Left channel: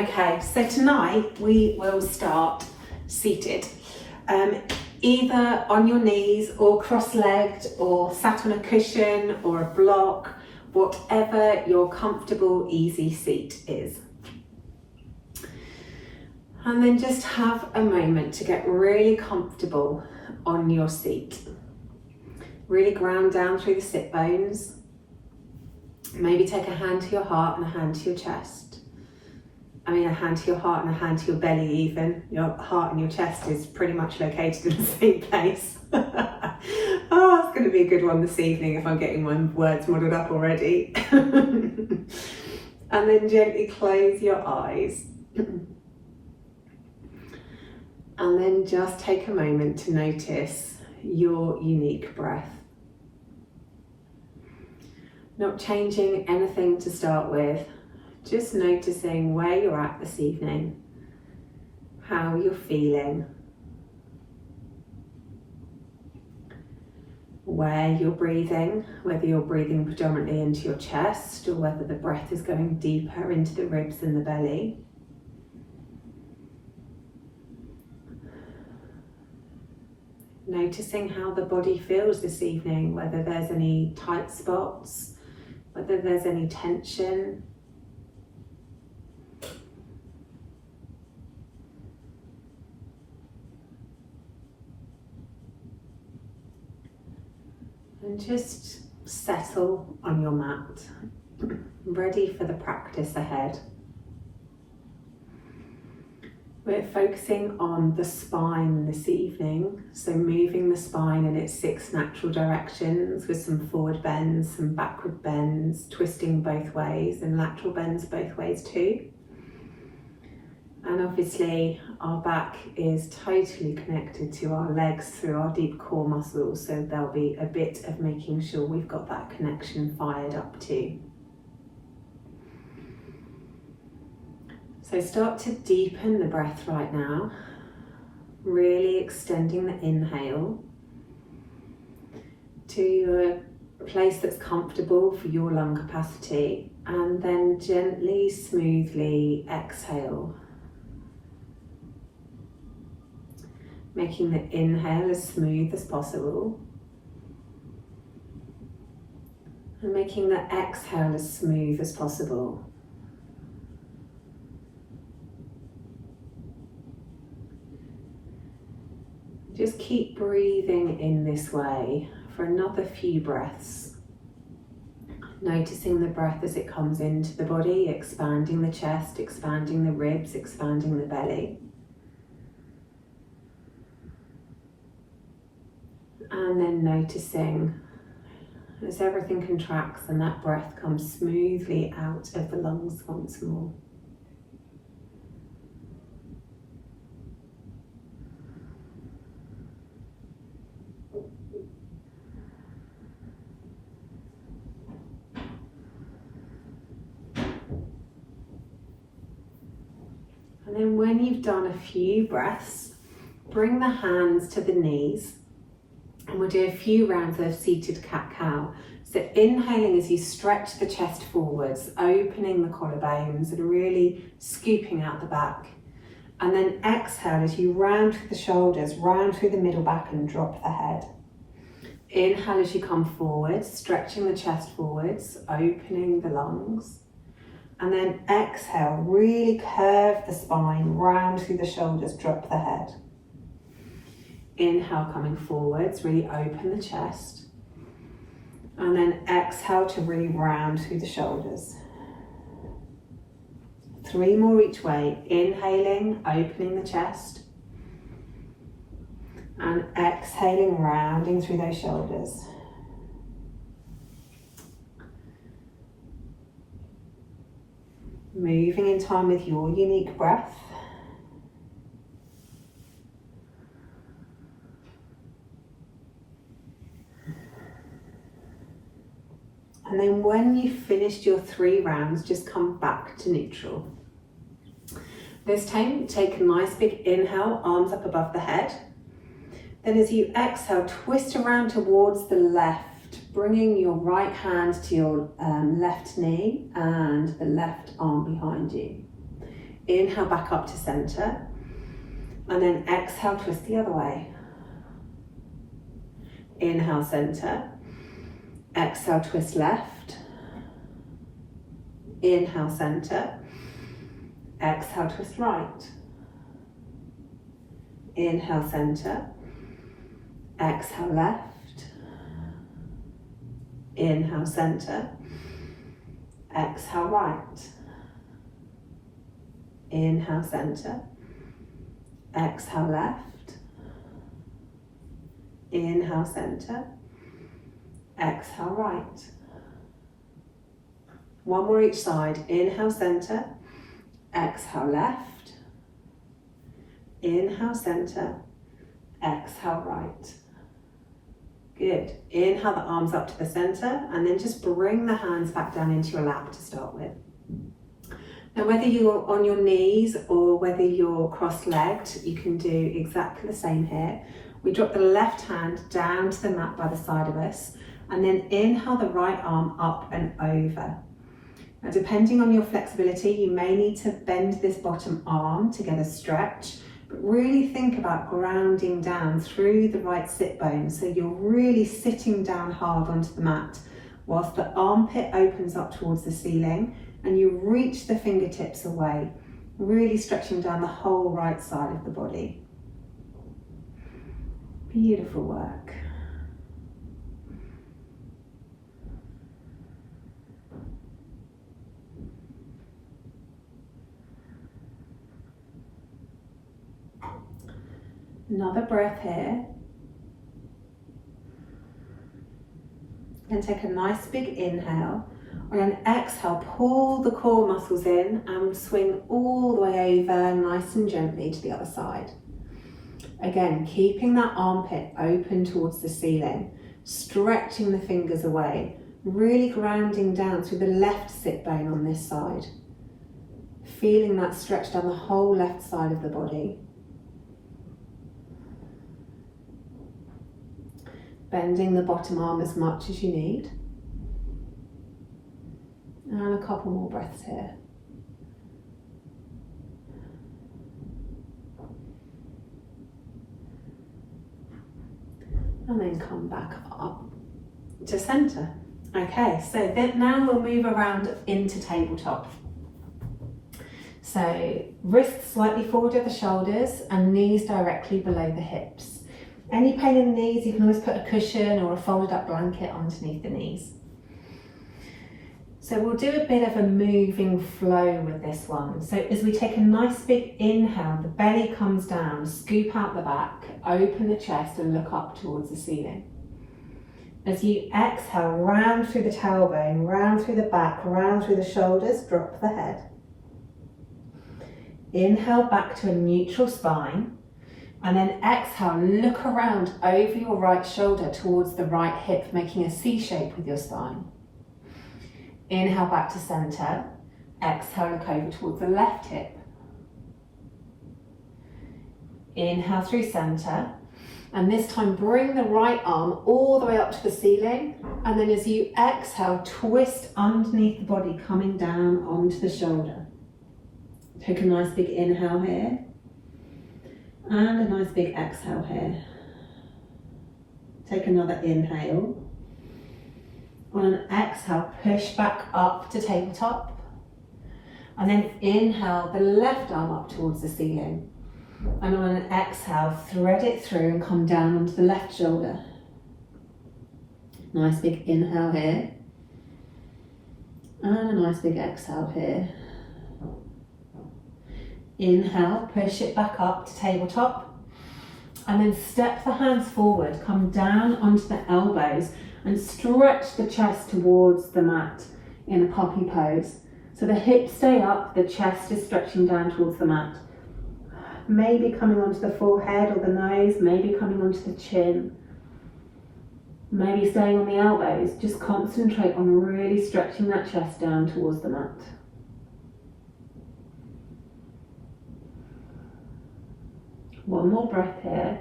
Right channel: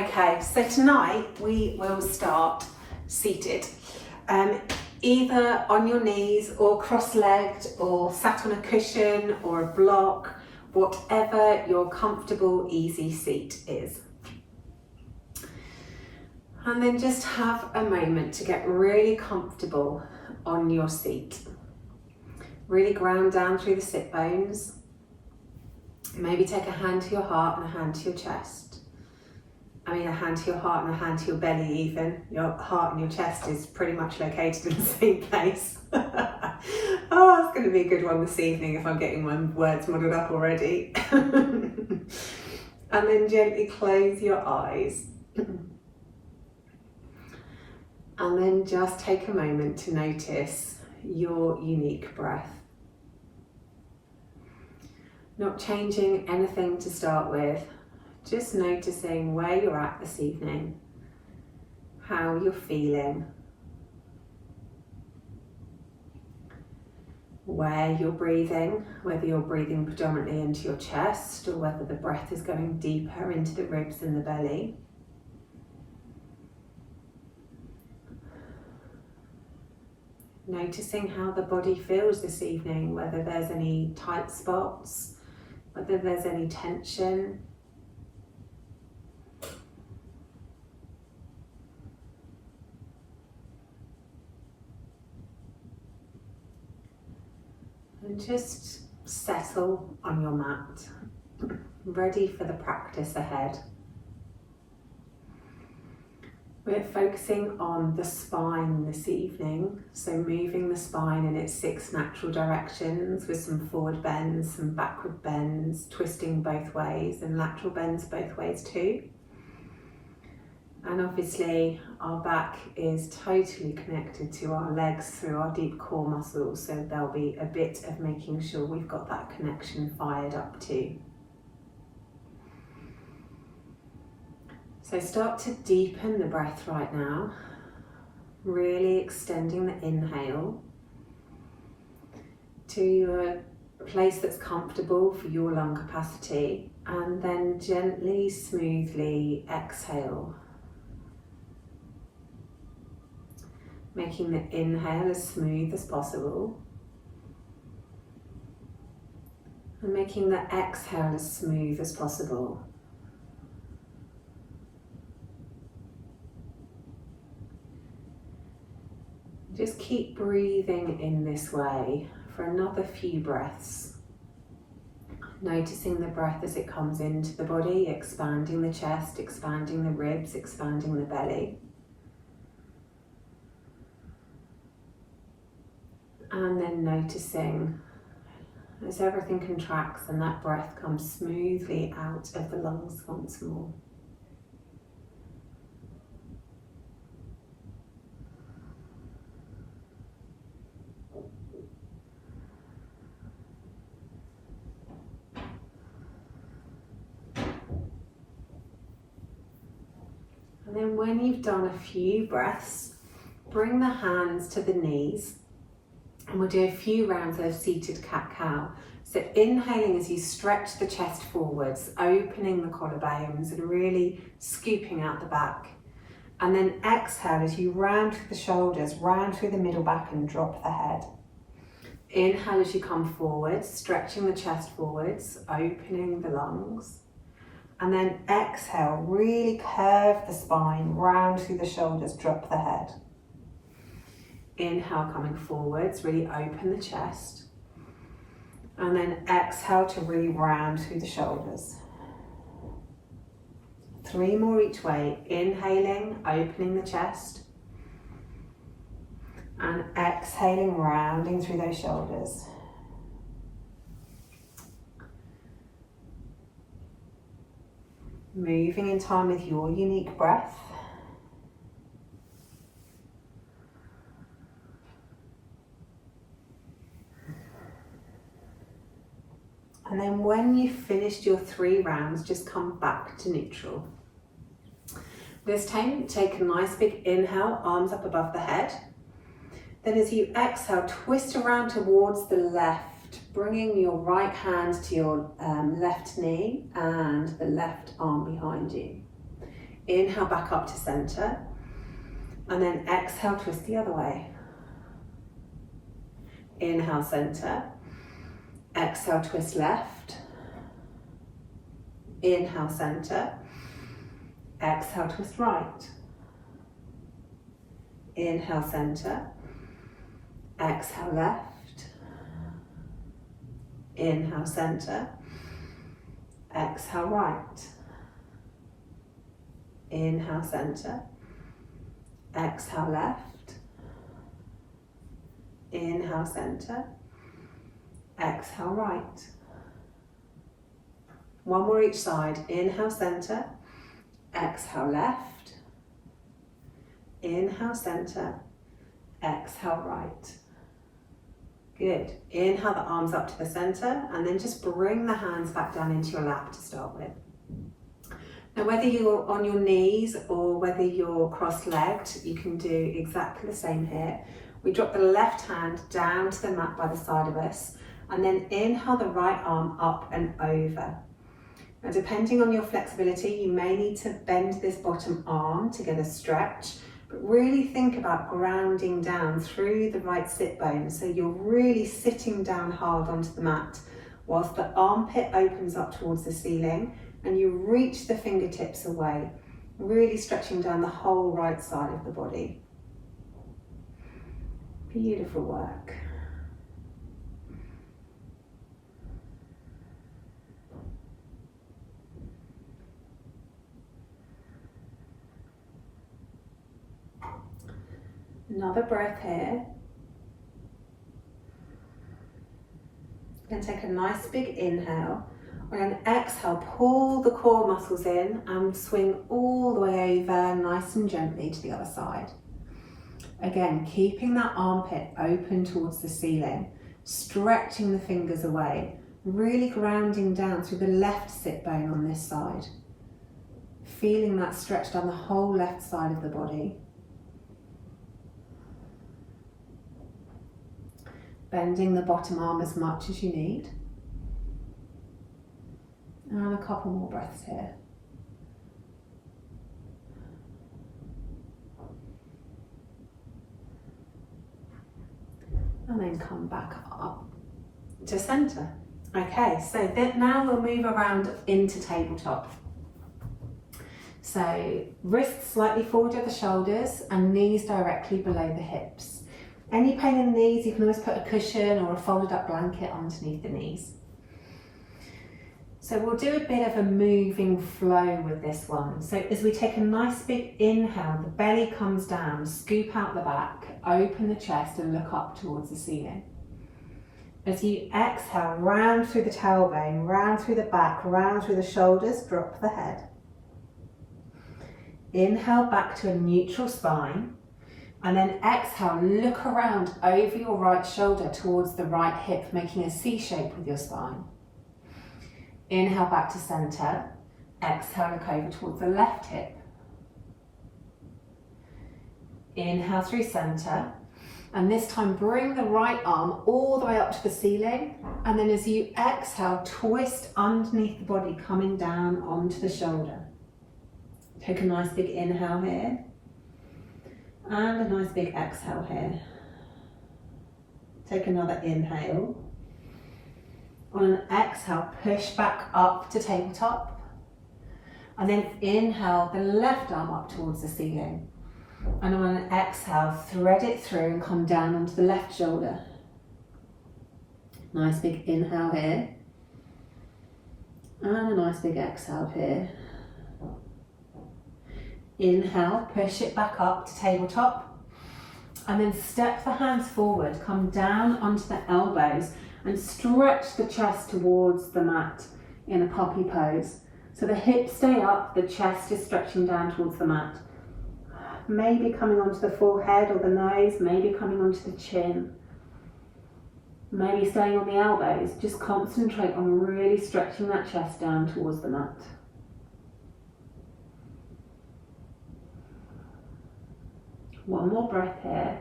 Okay, so tonight we will start seated, either on your knees or cross-legged or sat on a cushion or a block, whatever your comfortable, easy seat is. And then just have a moment to get really comfortable on your seat. Really ground down through the sit bones. Maybe take a hand to your heart and a hand to your chest. I mean, a hand to your heart and a hand to your belly even. Your heart and your chest is pretty much located in the same place. Oh, it's going to be a good one this evening if I'm getting my words muddled up already. And then gently close your eyes. And then just take a moment to notice your unique breath. Not changing anything to start with, just noticing where you're at this evening, how you're feeling, where you're breathing, whether you're breathing predominantly into your chest or whether the breath is going deeper into the ribs and the belly. Noticing how the body feels this evening, whether there's any tight spots, whether there's any tension. And just settle on your mat, ready for the practice ahead. We're focusing on the spine this evening, so moving the spine in its 6 natural directions with some forward bends, some backward bends, twisting both ways and lateral bends both ways too. And obviously our back is totally connected to our legs through our deep core muscles, so there'll be a bit of making sure we've got that connection fired up too. So start to deepen the breath right now, really extending the inhale to a place that's comfortable for your lung capacity, and then gently, smoothly exhale. Making the inhale as smooth as possible and making the exhale as smooth as possible. Just keep breathing in this way for another few breaths. Noticing the breath as it comes into the body, expanding the chest, expanding the ribs, expanding the belly. And then noticing as everything contracts and that breath comes smoothly out of the lungs once more. And then when you've done a few breaths, bring the hands to the knees. And we'll do a few rounds of seated cat-cow. So inhaling as you stretch the chest forwards, opening the collarbones and really scooping out the back. And then exhale as you round through the shoulders, round through the middle back and drop the head. Inhale as you come forward, stretching the chest forwards, opening the lungs. And then exhale, really curve the spine, round through the shoulders, drop the head. Inhale, coming forwards, really open the chest. And then exhale to really round through the shoulders. 3 more each way. Inhaling, opening the chest. And exhaling, rounding through those shoulders. Moving in time with your unique breath. And then when you've finished your 3 rounds, just come back to neutral. This time, take a nice big inhale, arms up above the head. Then as you exhale, twist around towards the left, bringing your right hand to your left knee and the left arm behind you. Inhale back up to center. And then exhale, twist the other way. Inhale, center. Exhale, twist left. Inhale, center. Exhale, twist right. Inhale, center. Exhale, left. Inhale, center. Exhale, right. Inhale, center. Exhale, left. Inhale, center. Exhale, right. One more each side. Inhale, center. Exhale, left. Inhale, center. Exhale, right. Good. Inhale the arms up to the center, and then just bring the hands back down into your lap to start with. Now, whether you're on your knees or whether you're cross-legged, you can do exactly the same here. We drop the left hand down to the mat by the side of us, and then inhale the right arm up and over. Now, depending on your flexibility, you may need to bend this bottom arm to get a stretch, but really think about grounding down through the right sit bone, so you're really sitting down hard onto the mat whilst the armpit opens up towards the ceiling and you reach the fingertips away, really stretching down the whole right side of the body. Beautiful work. Another breath here. Then take a nice big inhale. On an exhale, pull the core muscles in and swing all the way over nice and gently to the other side. Again, keeping that armpit open towards the ceiling, stretching the fingers away, really grounding down through the left sit bone on this side. Feeling that stretch down the whole left side of the body. Bending the bottom arm as much as you need. And a couple more breaths here. And then come back up to center. Okay, so then now we'll move around into tabletop. So wrists slightly forward of the shoulders and knees directly below the hips. Any pain in the knees, you can always put a cushion or a folded up blanket underneath the knees. So we'll do a bit of a moving flow with this one. So as we take a nice big inhale, the belly comes down, scoop out the back, open the chest and look up towards the ceiling. As you exhale, round through the tailbone, round through the back, round through the shoulders, drop the head. Inhale back to a neutral spine. And then exhale, look around over your right shoulder towards the right hip, making a C shape with your spine. Inhale back to center. Exhale, look over towards the left hip. Inhale through center. And this time bring the right arm all the way up to the ceiling. And then as you exhale, twist underneath the body, coming down onto the shoulder. Take a nice big inhale here. And a nice big exhale here. Take another inhale. On an exhale, push back up to tabletop. And then inhale the left arm up towards the ceiling. And on an exhale, thread it through and come down onto the left shoulder. Nice big inhale here. And a nice big exhale here. Inhale, push it back up to tabletop, and then step the hands forward, come down onto the elbows and stretch the chest towards the mat in a puppy pose. So the hips stay up, the chest is stretching down towards the mat. Maybe coming onto the forehead or the nose, maybe coming onto the chin. Maybe staying on the elbows, just concentrate on really stretching that chest down towards the mat. One more breath here.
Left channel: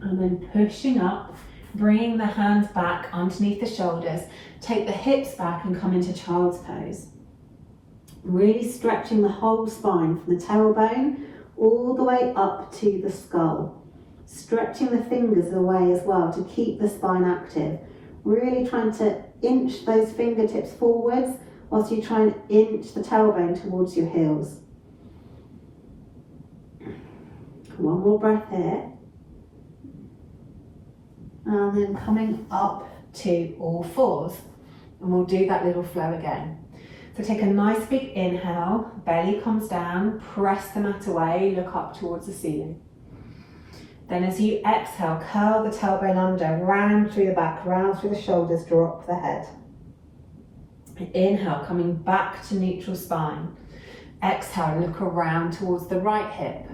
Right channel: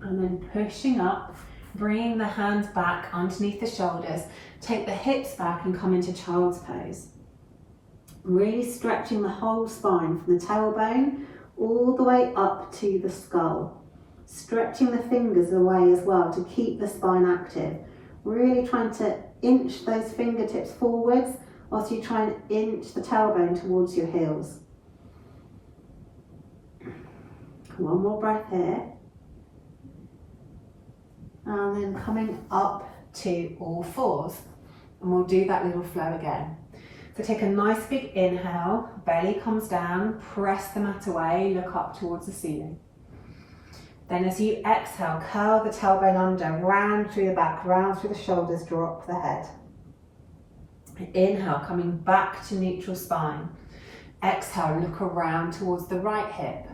And then pushing up Bringing the hands back underneath the shoulders, take the hips back and come into child's pose. Really stretching the whole spine from the tailbone all the way up to the skull. Stretching the fingers away as well to keep the spine active. Really trying to inch those fingertips forwards whilst you try and inch the tailbone towards your heels. One more breath here. And then coming up to all fours. And we'll do that little flow again. So take a nice big inhale, belly comes down, press the mat away, look up towards the ceiling. Then as you exhale, curl the tailbone under, round through the back, round through the shoulders, drop the head. Inhale, coming back to neutral spine. Exhale, look around towards the right hip.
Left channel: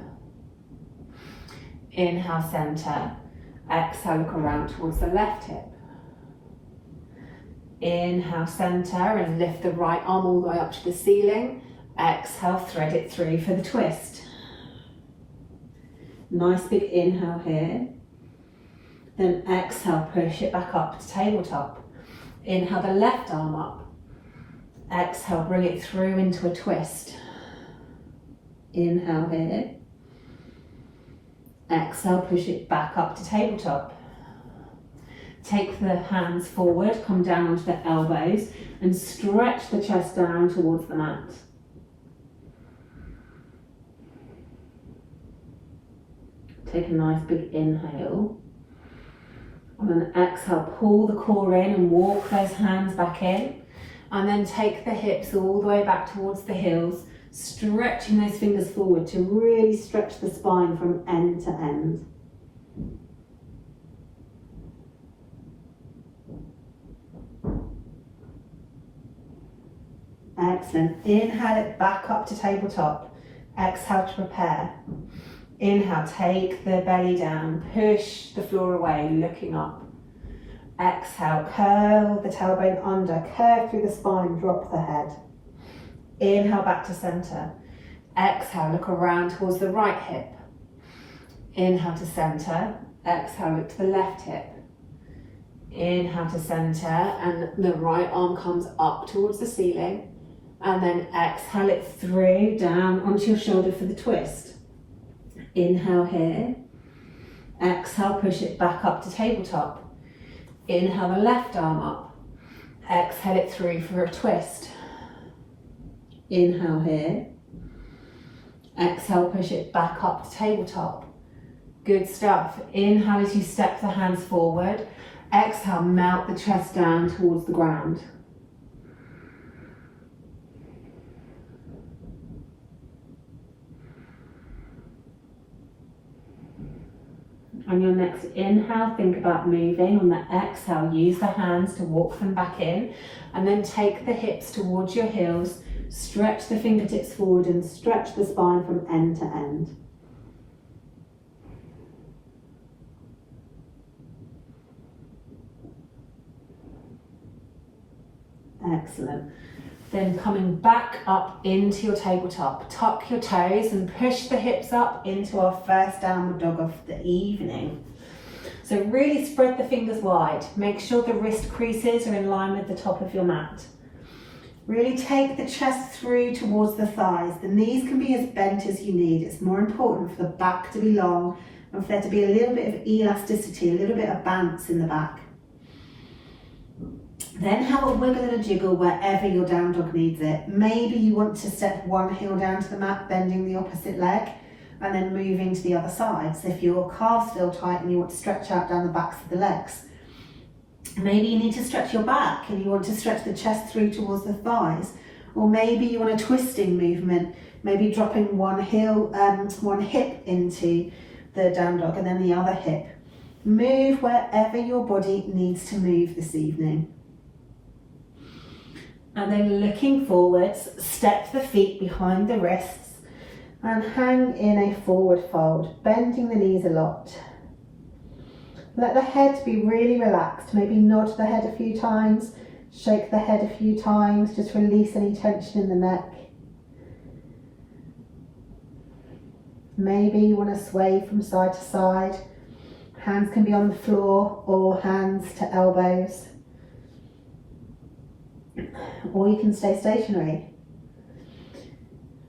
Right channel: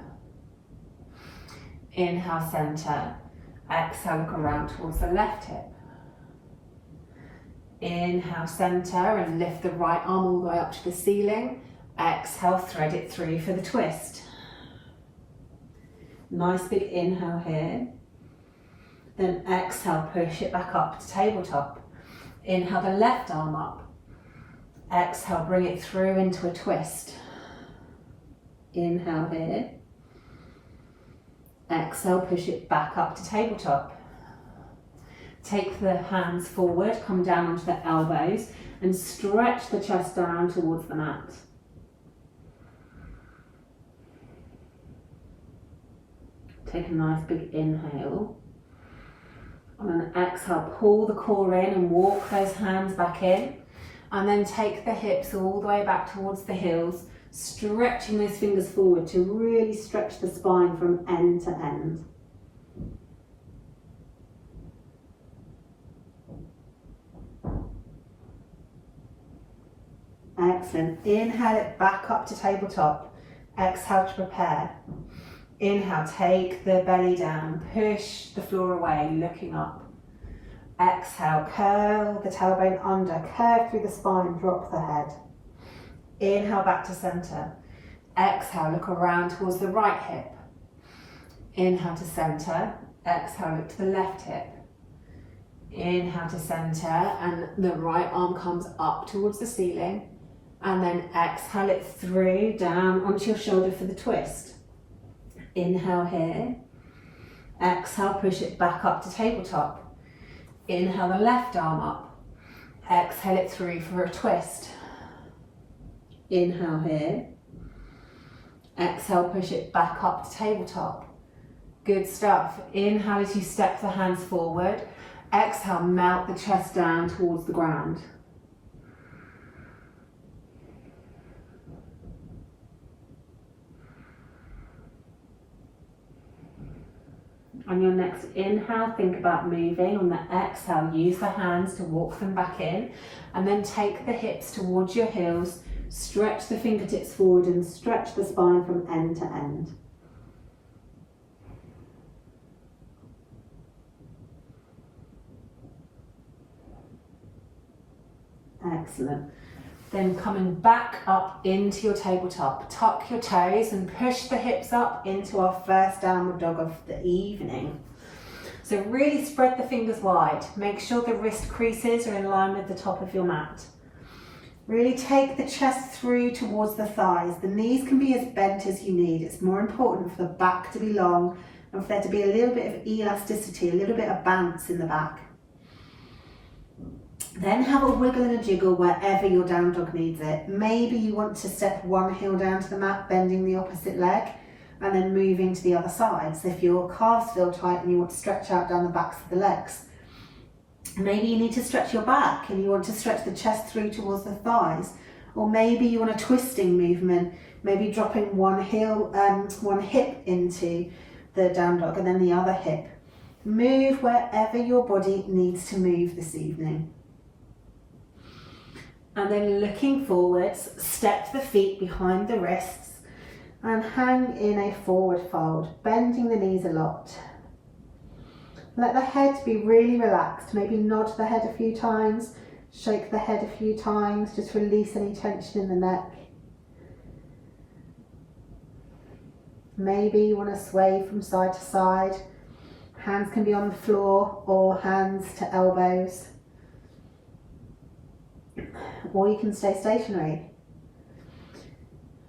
Inhale, center. Exhale, look around towards the left hip. Inhale, center, and lift the right arm all the way up to the ceiling. Exhale, thread it through for the twist. Nice big inhale here. Then exhale, push it back up to tabletop. Inhale the left arm up. Exhale, bring it through into a twist. Inhale here. Exhale, push it back up to tabletop. Take the hands forward, come down onto the elbows and stretch the chest down towards the mat. Take a nice big inhale. On an exhale, pull the core in and walk those hands back in. And then take the hips all the way back towards the heels, stretching those fingers forward to really stretch the spine from end to end. Excellent. Inhale it back up to tabletop. Exhale to prepare. Inhale, take the belly down, push the floor away, looking up. Exhale, curl the tailbone under, curve through the spine, drop the head. Inhale back to center. Exhale, look around towards the right hip. Inhale to center. Exhale, look to the left hip. Inhale to center, and the right arm comes up towards the ceiling. And then exhale it through, down onto your shoulder for the twist. Inhale here. Exhale, push it back up to tabletop. Inhale the left arm up. Exhale it through for a twist. Inhale here. Exhale, push it back up to tabletop. Good stuff. Inhale as you step the hands forward. Exhale, melt the chest down towards the ground. On your next inhale, think about moving. On the exhale, use the hands to walk them back in, and then take the hips towards your heels, stretch the fingertips forward and stretch the spine from end to end. Excellent. Then coming back up into your tabletop, tuck your toes and push the hips up into our first downward dog of the evening. So really spread the fingers wide. Make sure the wrist creases are in line with the top of your mat. Really take the chest through towards the thighs. The knees can be as bent as you need. It's more important for the back to be long and for there to be a little bit of elasticity, a little bit of bounce in the back. Then have a wiggle and a jiggle wherever your down dog needs it. Maybe you want to step one heel down to the mat, bending the opposite leg, and then moving to the other side. So if your calves feel tight and you want to stretch out down the backs of the legs, maybe you need to stretch your back and you want to stretch the chest through towards the thighs. Or maybe you want a twisting movement, maybe dropping one hip into the down dog and then the other hip. Move wherever your body needs to move this evening. And then looking forwards, step the feet behind the wrists and hang in a forward fold, bending the knees a lot. Let the head be really relaxed. Maybe nod the head a few times, shake the head a few times, just release any tension in the neck. Maybe you want to sway from side to side, Hands can be on the floor or hands to elbows. Or you can stay stationary.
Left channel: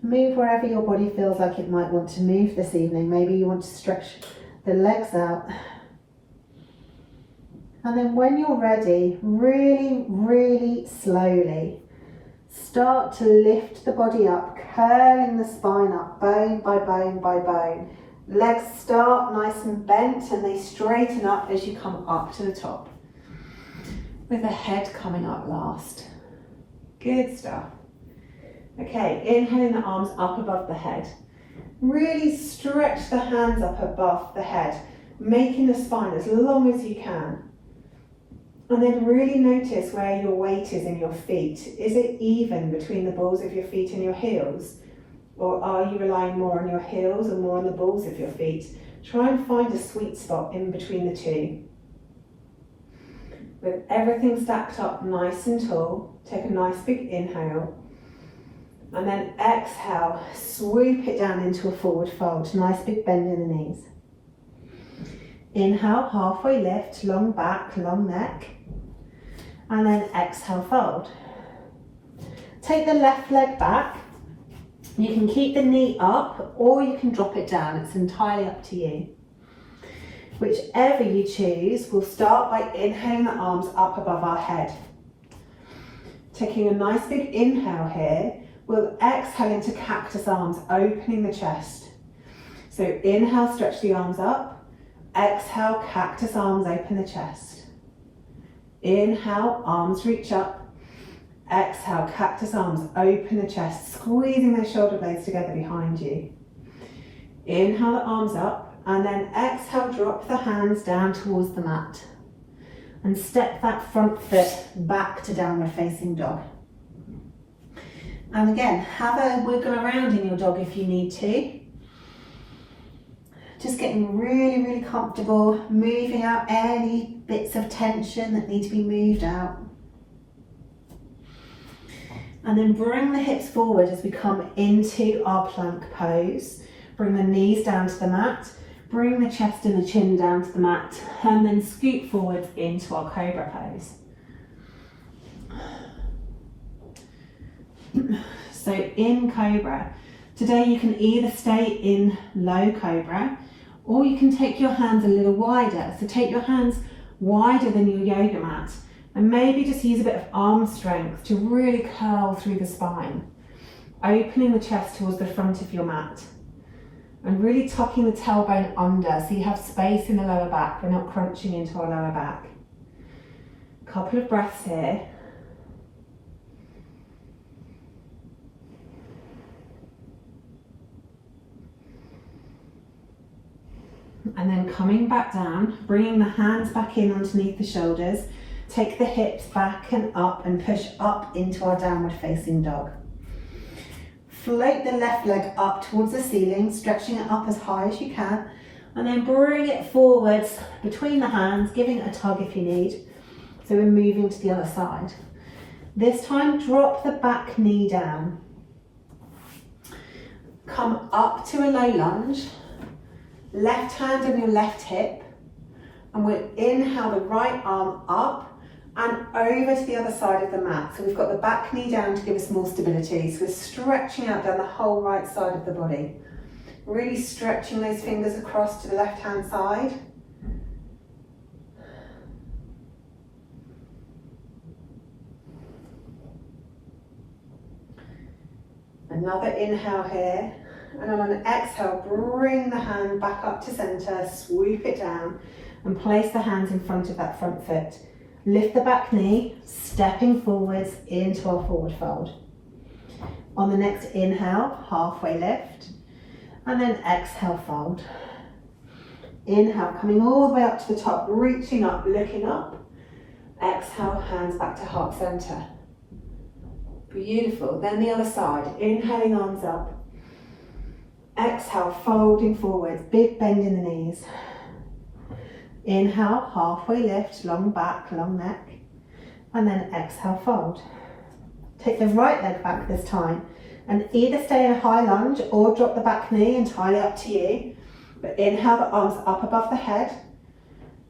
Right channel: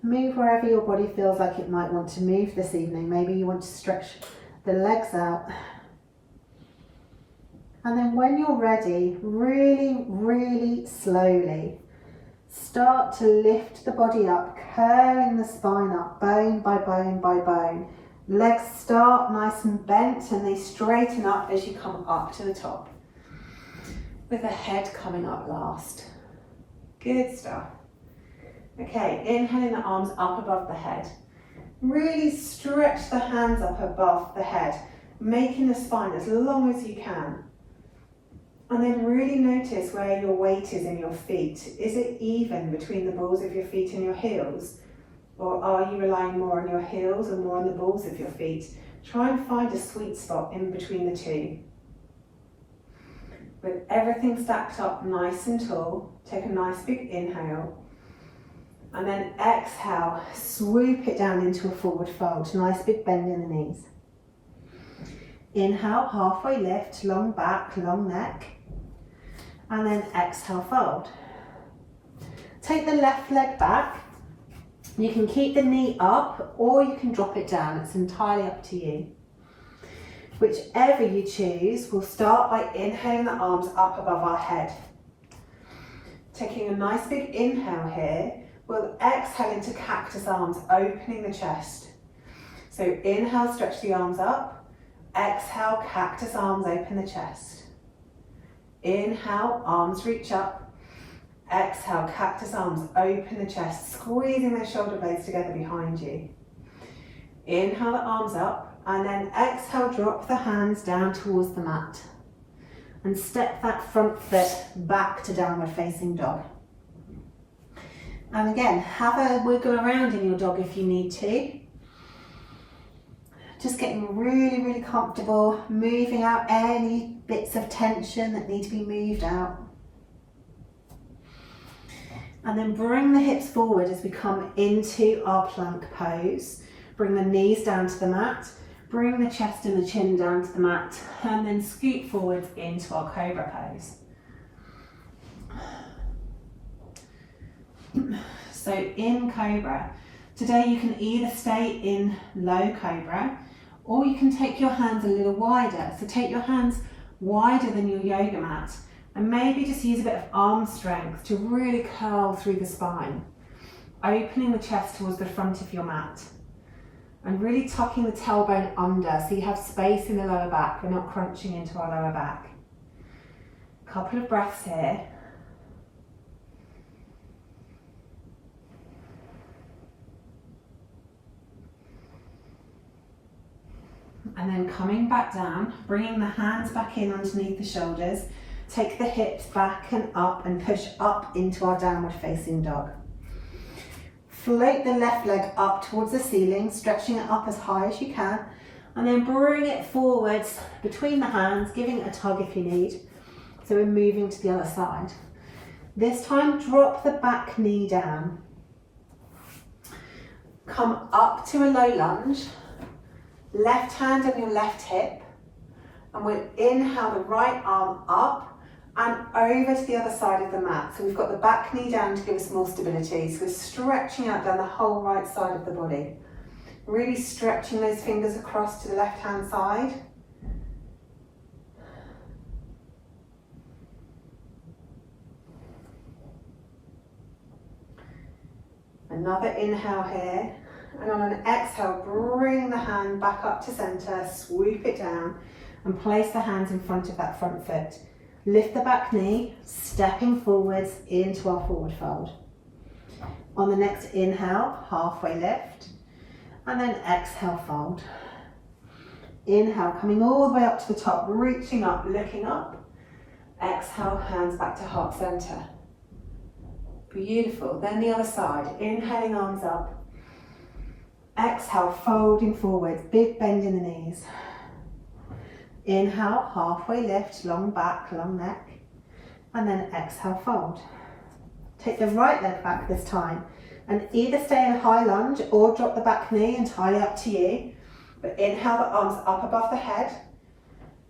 Move wherever your body feels like it might want to move this evening. Maybe you want to stretch the legs out. And then when you're ready, really, really slowly, start to lift the body up, curling the spine up, bone by bone by bone. Legs start nice and bent and they straighten up as you come up to the top, with the head coming up last. Good stuff. Okay, inhaling the arms up above the head. Really stretch the hands up above the head, making the spine as long as you can. And then really notice where your weight is in your feet. Is it even between the balls of your feet and your heels? Or are you relying more on your heels or more on the balls of your feet? Try and find a sweet spot in between the two. With everything stacked up nice and tall, take a nice big inhale. And then exhale, swoop it down into a forward fold. Nice big bend in the knees. Inhale, halfway lift, long back, long neck. And then exhale, fold. Take the left leg back. You can keep the knee up or you can drop it down. It's entirely up to you. Whichever you choose, we'll start by inhaling the arms up above our head. Taking a nice big inhale here, we'll exhale into cactus arms, opening the chest. So inhale, stretch the arms up. Exhale, cactus arms, open the chest. Inhale, arms reach up. Exhale, cactus arms, open the chest, squeezing those shoulder blades together behind you. Inhale the arms up, and then exhale, drop the hands down towards the mat. And step that front foot back to downward facing dog. And again, have a wiggle around in your dog if you need to. Just getting really, really comfortable, moving out any bits of tension that need to be moved out. And then bring the hips forward as we come into our plank pose. Bring the knees down to the mat, bring the chest and the chin down to the mat, and then scoot forward into our cobra pose. So in cobra, today you can either stay in low cobra or you can take your hands a little wider. So take your hands wider than your yoga mat and maybe just use a bit of arm strength to really curl through the spine, opening the chest towards the front of your mat and really tucking the tailbone under so you have space in the lower back. We're not crunching into our lower back. A couple of breaths here. And then coming back down, bringing the hands back in underneath the shoulders, take the hips back and up and push up into our downward facing dog. Float the left leg up towards the ceiling, stretching it up as high as you can, and then bring it forwards between the hands, giving it a tug if you need. So we're moving to the other side. This time, drop the back knee down. Come up to a low lunge. Left hand on your left hip, and we'll inhale the right arm up and over to the other side of the mat. So we've got the back knee down to give us more stability. So we're stretching out down the whole right side of the body. Really stretching those fingers across to the left hand side. Another inhale here. And on an exhale, bring the hand back up to center, swoop it down and place the hands in front of that front foot. Lift the back knee, stepping forwards into our forward fold. On the next inhale, halfway lift, and then exhale, fold. Inhale, coming all the way up to the top, reaching up, looking up. Exhale, hands back to heart center. Beautiful. Then the other side, inhaling, arms up. Exhale, folding forwards, big bend in the knees. Inhale, halfway lift, long back, long neck. And then exhale, fold. Take the right leg back this time and either stay in a high lunge or drop the back knee, entirely up to you. But inhale the arms up above the head.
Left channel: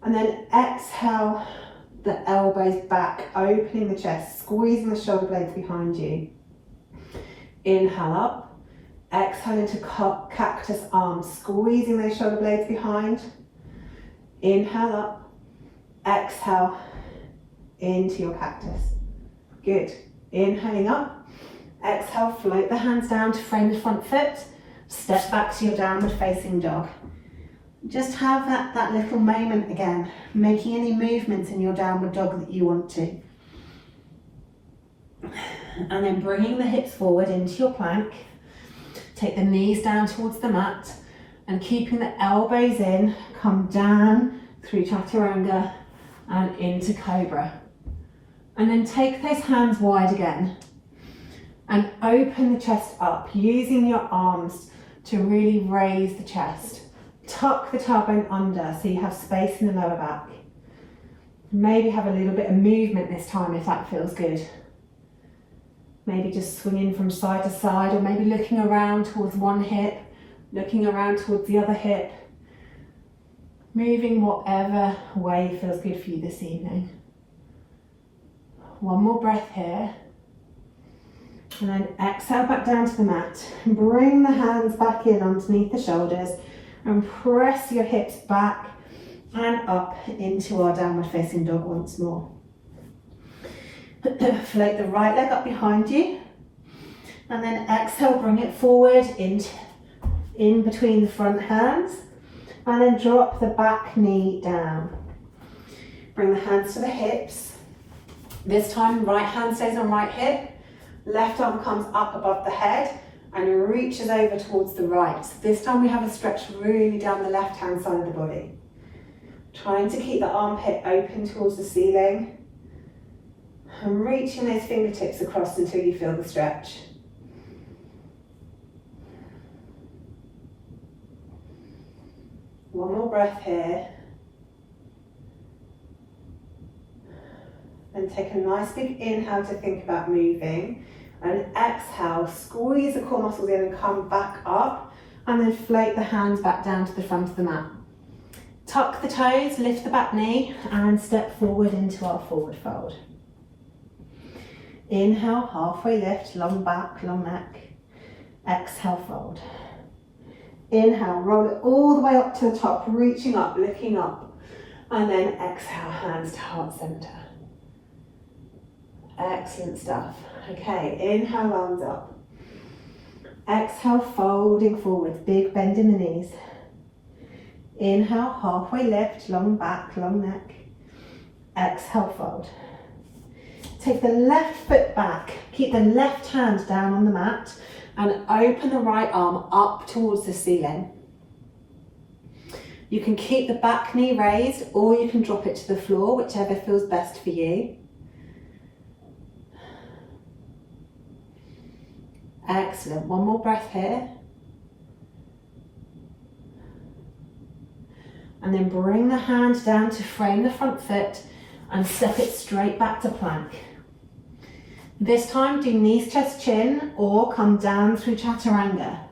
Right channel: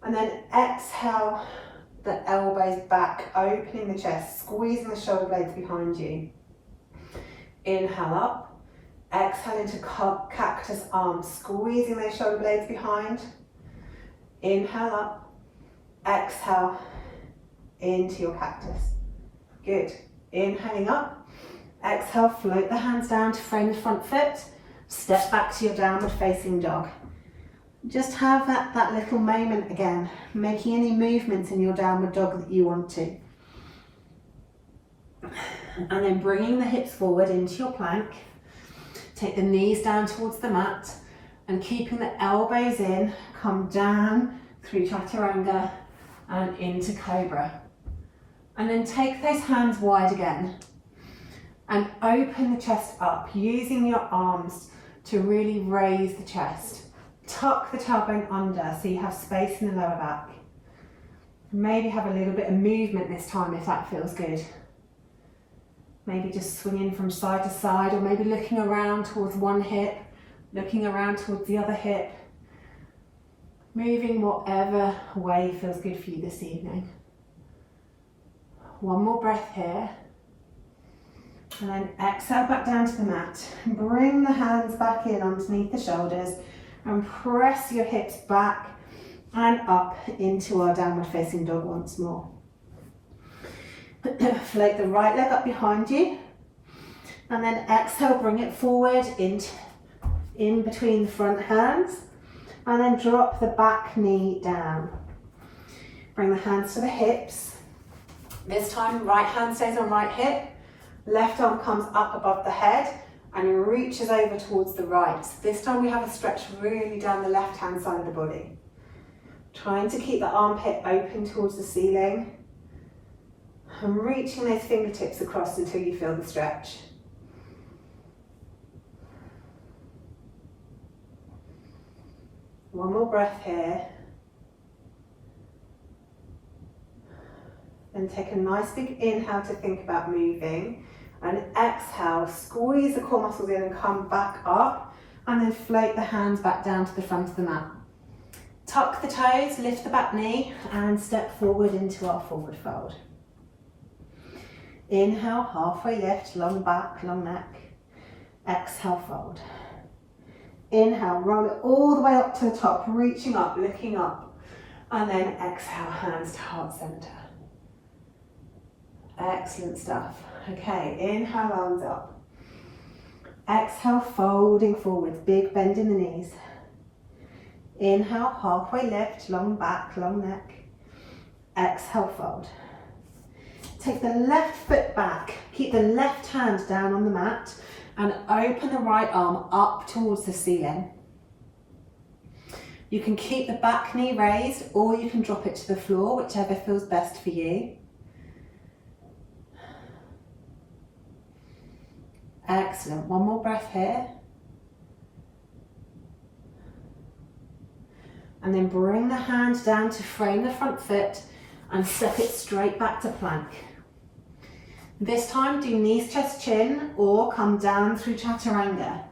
And then exhale the elbows back, opening the chest, squeezing the shoulder blades behind you. Inhale up, exhale into cactus arms, squeezing those shoulder blades behind. Inhale up, exhale into your cactus. Good. Inhaling up, exhale, float the hands down to frame the front foot, step back to your downward facing dog. Just have that little moment again, making any movements in your downward dog that you want to. And then bringing the hips forward into your plank. Take the knees down towards the mat and keeping the elbows in, come down through chaturanga and into cobra. And then take those hands wide again and open the chest up, using your arms to really raise the chest. Tuck the tailbone under so you have space in the lower back. Maybe have a little bit of movement this time if that feels good. Maybe just swinging from side to side, or maybe looking around towards one hip, looking around towards the other hip. Moving whatever way feels good for you this evening. One more breath here. And then exhale back down to the mat. Bring the hands back in underneath the shoulders and press your hips back and up into our downward facing dog once more. Float the right leg up behind you and then exhale, bring it forward in between the front hands and then drop the back knee down. Bring the hands to the hips. This time right hand stays on right hip, left arm comes up above the head and reaches over towards the right. This time we have a stretch really down the left hand side of the body. Trying to keep the armpit open towards the ceiling and reaching those fingertips across until you feel the stretch. One more breath here. Then take a nice big inhale to think about moving. And exhale, squeeze the core muscles in and come back up. And then float the hands back down to the front of the mat. Tuck the toes, lift the back knee and step forward into our forward fold. Inhale, halfway lift, long back, long neck. Exhale, fold. Inhale, roll it all the way up to the top, reaching up, looking up. And then exhale, hands to heart center. Excellent stuff. Okay, inhale, arms up. Exhale, folding forward, big bend in the knees. Inhale, halfway lift, long back, long neck. Exhale, fold. Take the left foot back, keep the left hand down on the mat and open the right arm up towards the ceiling. You can keep the back knee raised or you can drop it to the floor, whichever feels best for you. Excellent, one more breath here. And then bring the hand down to frame the front foot and step it straight back to plank. This time do knees, chest, chin or come down through chaturanga.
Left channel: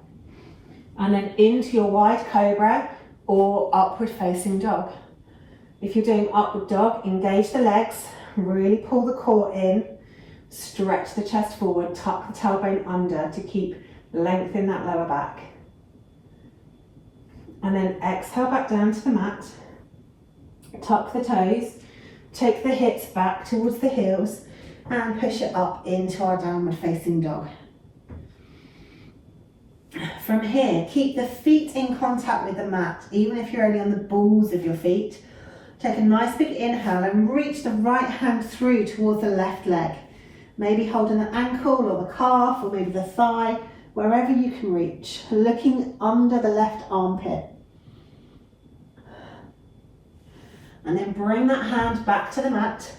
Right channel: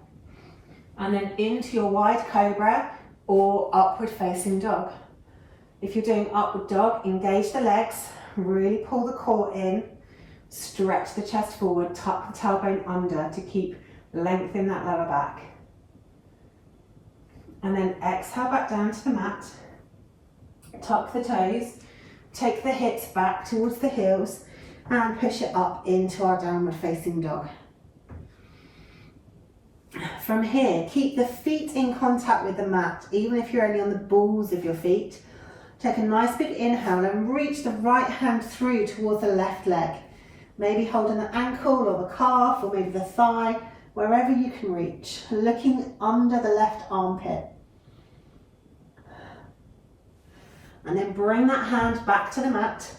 And then into your wide cobra or upward facing dog. If you're doing upward dog, engage the legs, really pull the core in, stretch the chest forward, tuck the tailbone under to keep length in that lower back. And then exhale back down to the mat, tuck the toes, take the hips back towards the heels and push it up into our downward facing dog. From here, keep the feet in contact with the mat, even if you're only on the balls of your feet. Take a nice big inhale and reach the right hand through towards the left leg. Maybe holding the ankle or the calf or maybe the thigh, wherever you can reach, looking under the left armpit. And then bring that hand back to the mat.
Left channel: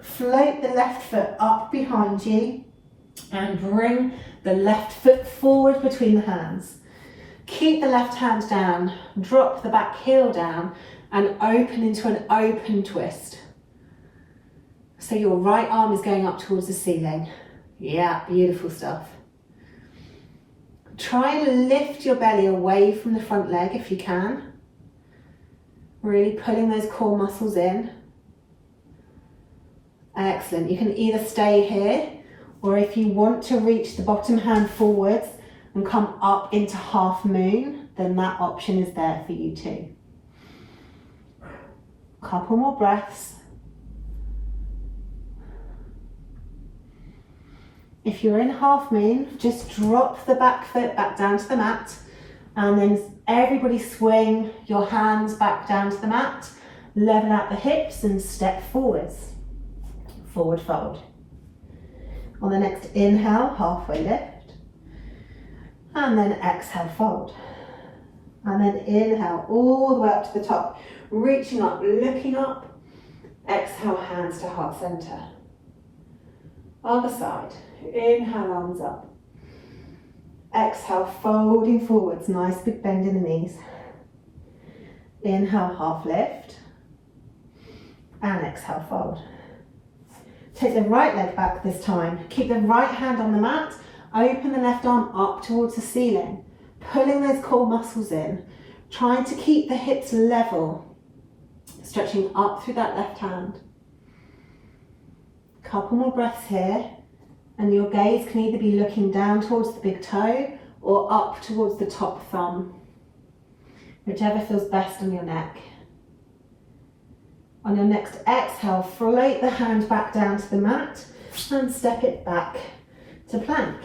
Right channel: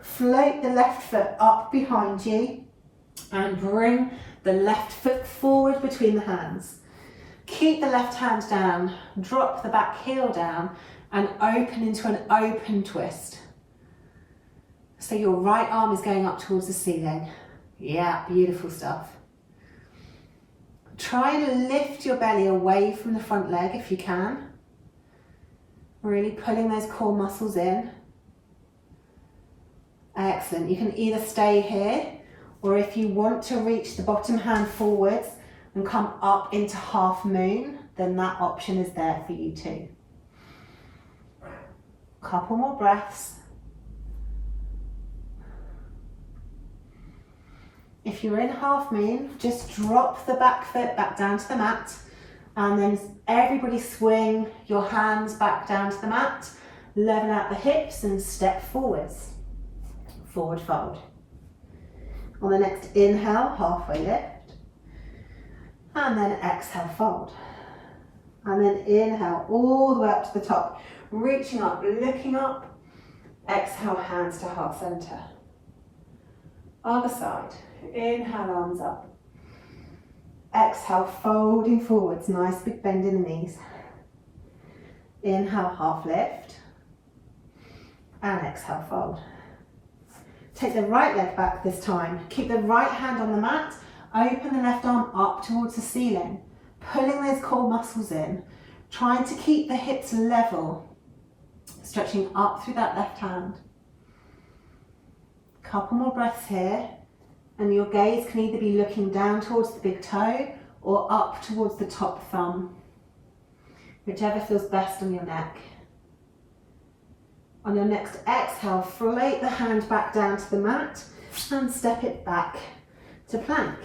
Float the left foot up behind you and bring the left foot forward between the hands. Keep the left hand down, drop the back heel down and open into an open twist. So your right arm is going up towards the ceiling. Yeah, beautiful stuff. Try to lift your belly away from the front leg if you can. Really pulling those core muscles in. Excellent. You can either stay here, or if you want to reach the bottom hand forwards and come up into half moon, then that option is there for you too. Couple more breaths. If you're in half moon, just drop the back foot back down to the mat, and then everybody swing your hands back down to the mat, level out the hips and step forwards. Forward fold. On the next inhale, halfway lift, and then exhale, fold. And then inhale all the way up to the top, reaching up, looking up, exhale, hands to heart center. Other side, inhale, arms up. Exhale, folding forwards, nice big bend in the knees. Inhale, half lift, and exhale, fold. Take the right leg back this time. Keep the right hand on the mat, open the left arm up towards the ceiling, pulling those core muscles in, trying to keep the hips level, stretching up through that left hand. Couple more breaths here, and your gaze can either be looking down towards the big toe or up towards the top thumb, whichever feels best on your neck. On your next exhale, float the hand back down to the mat and step it back to plank.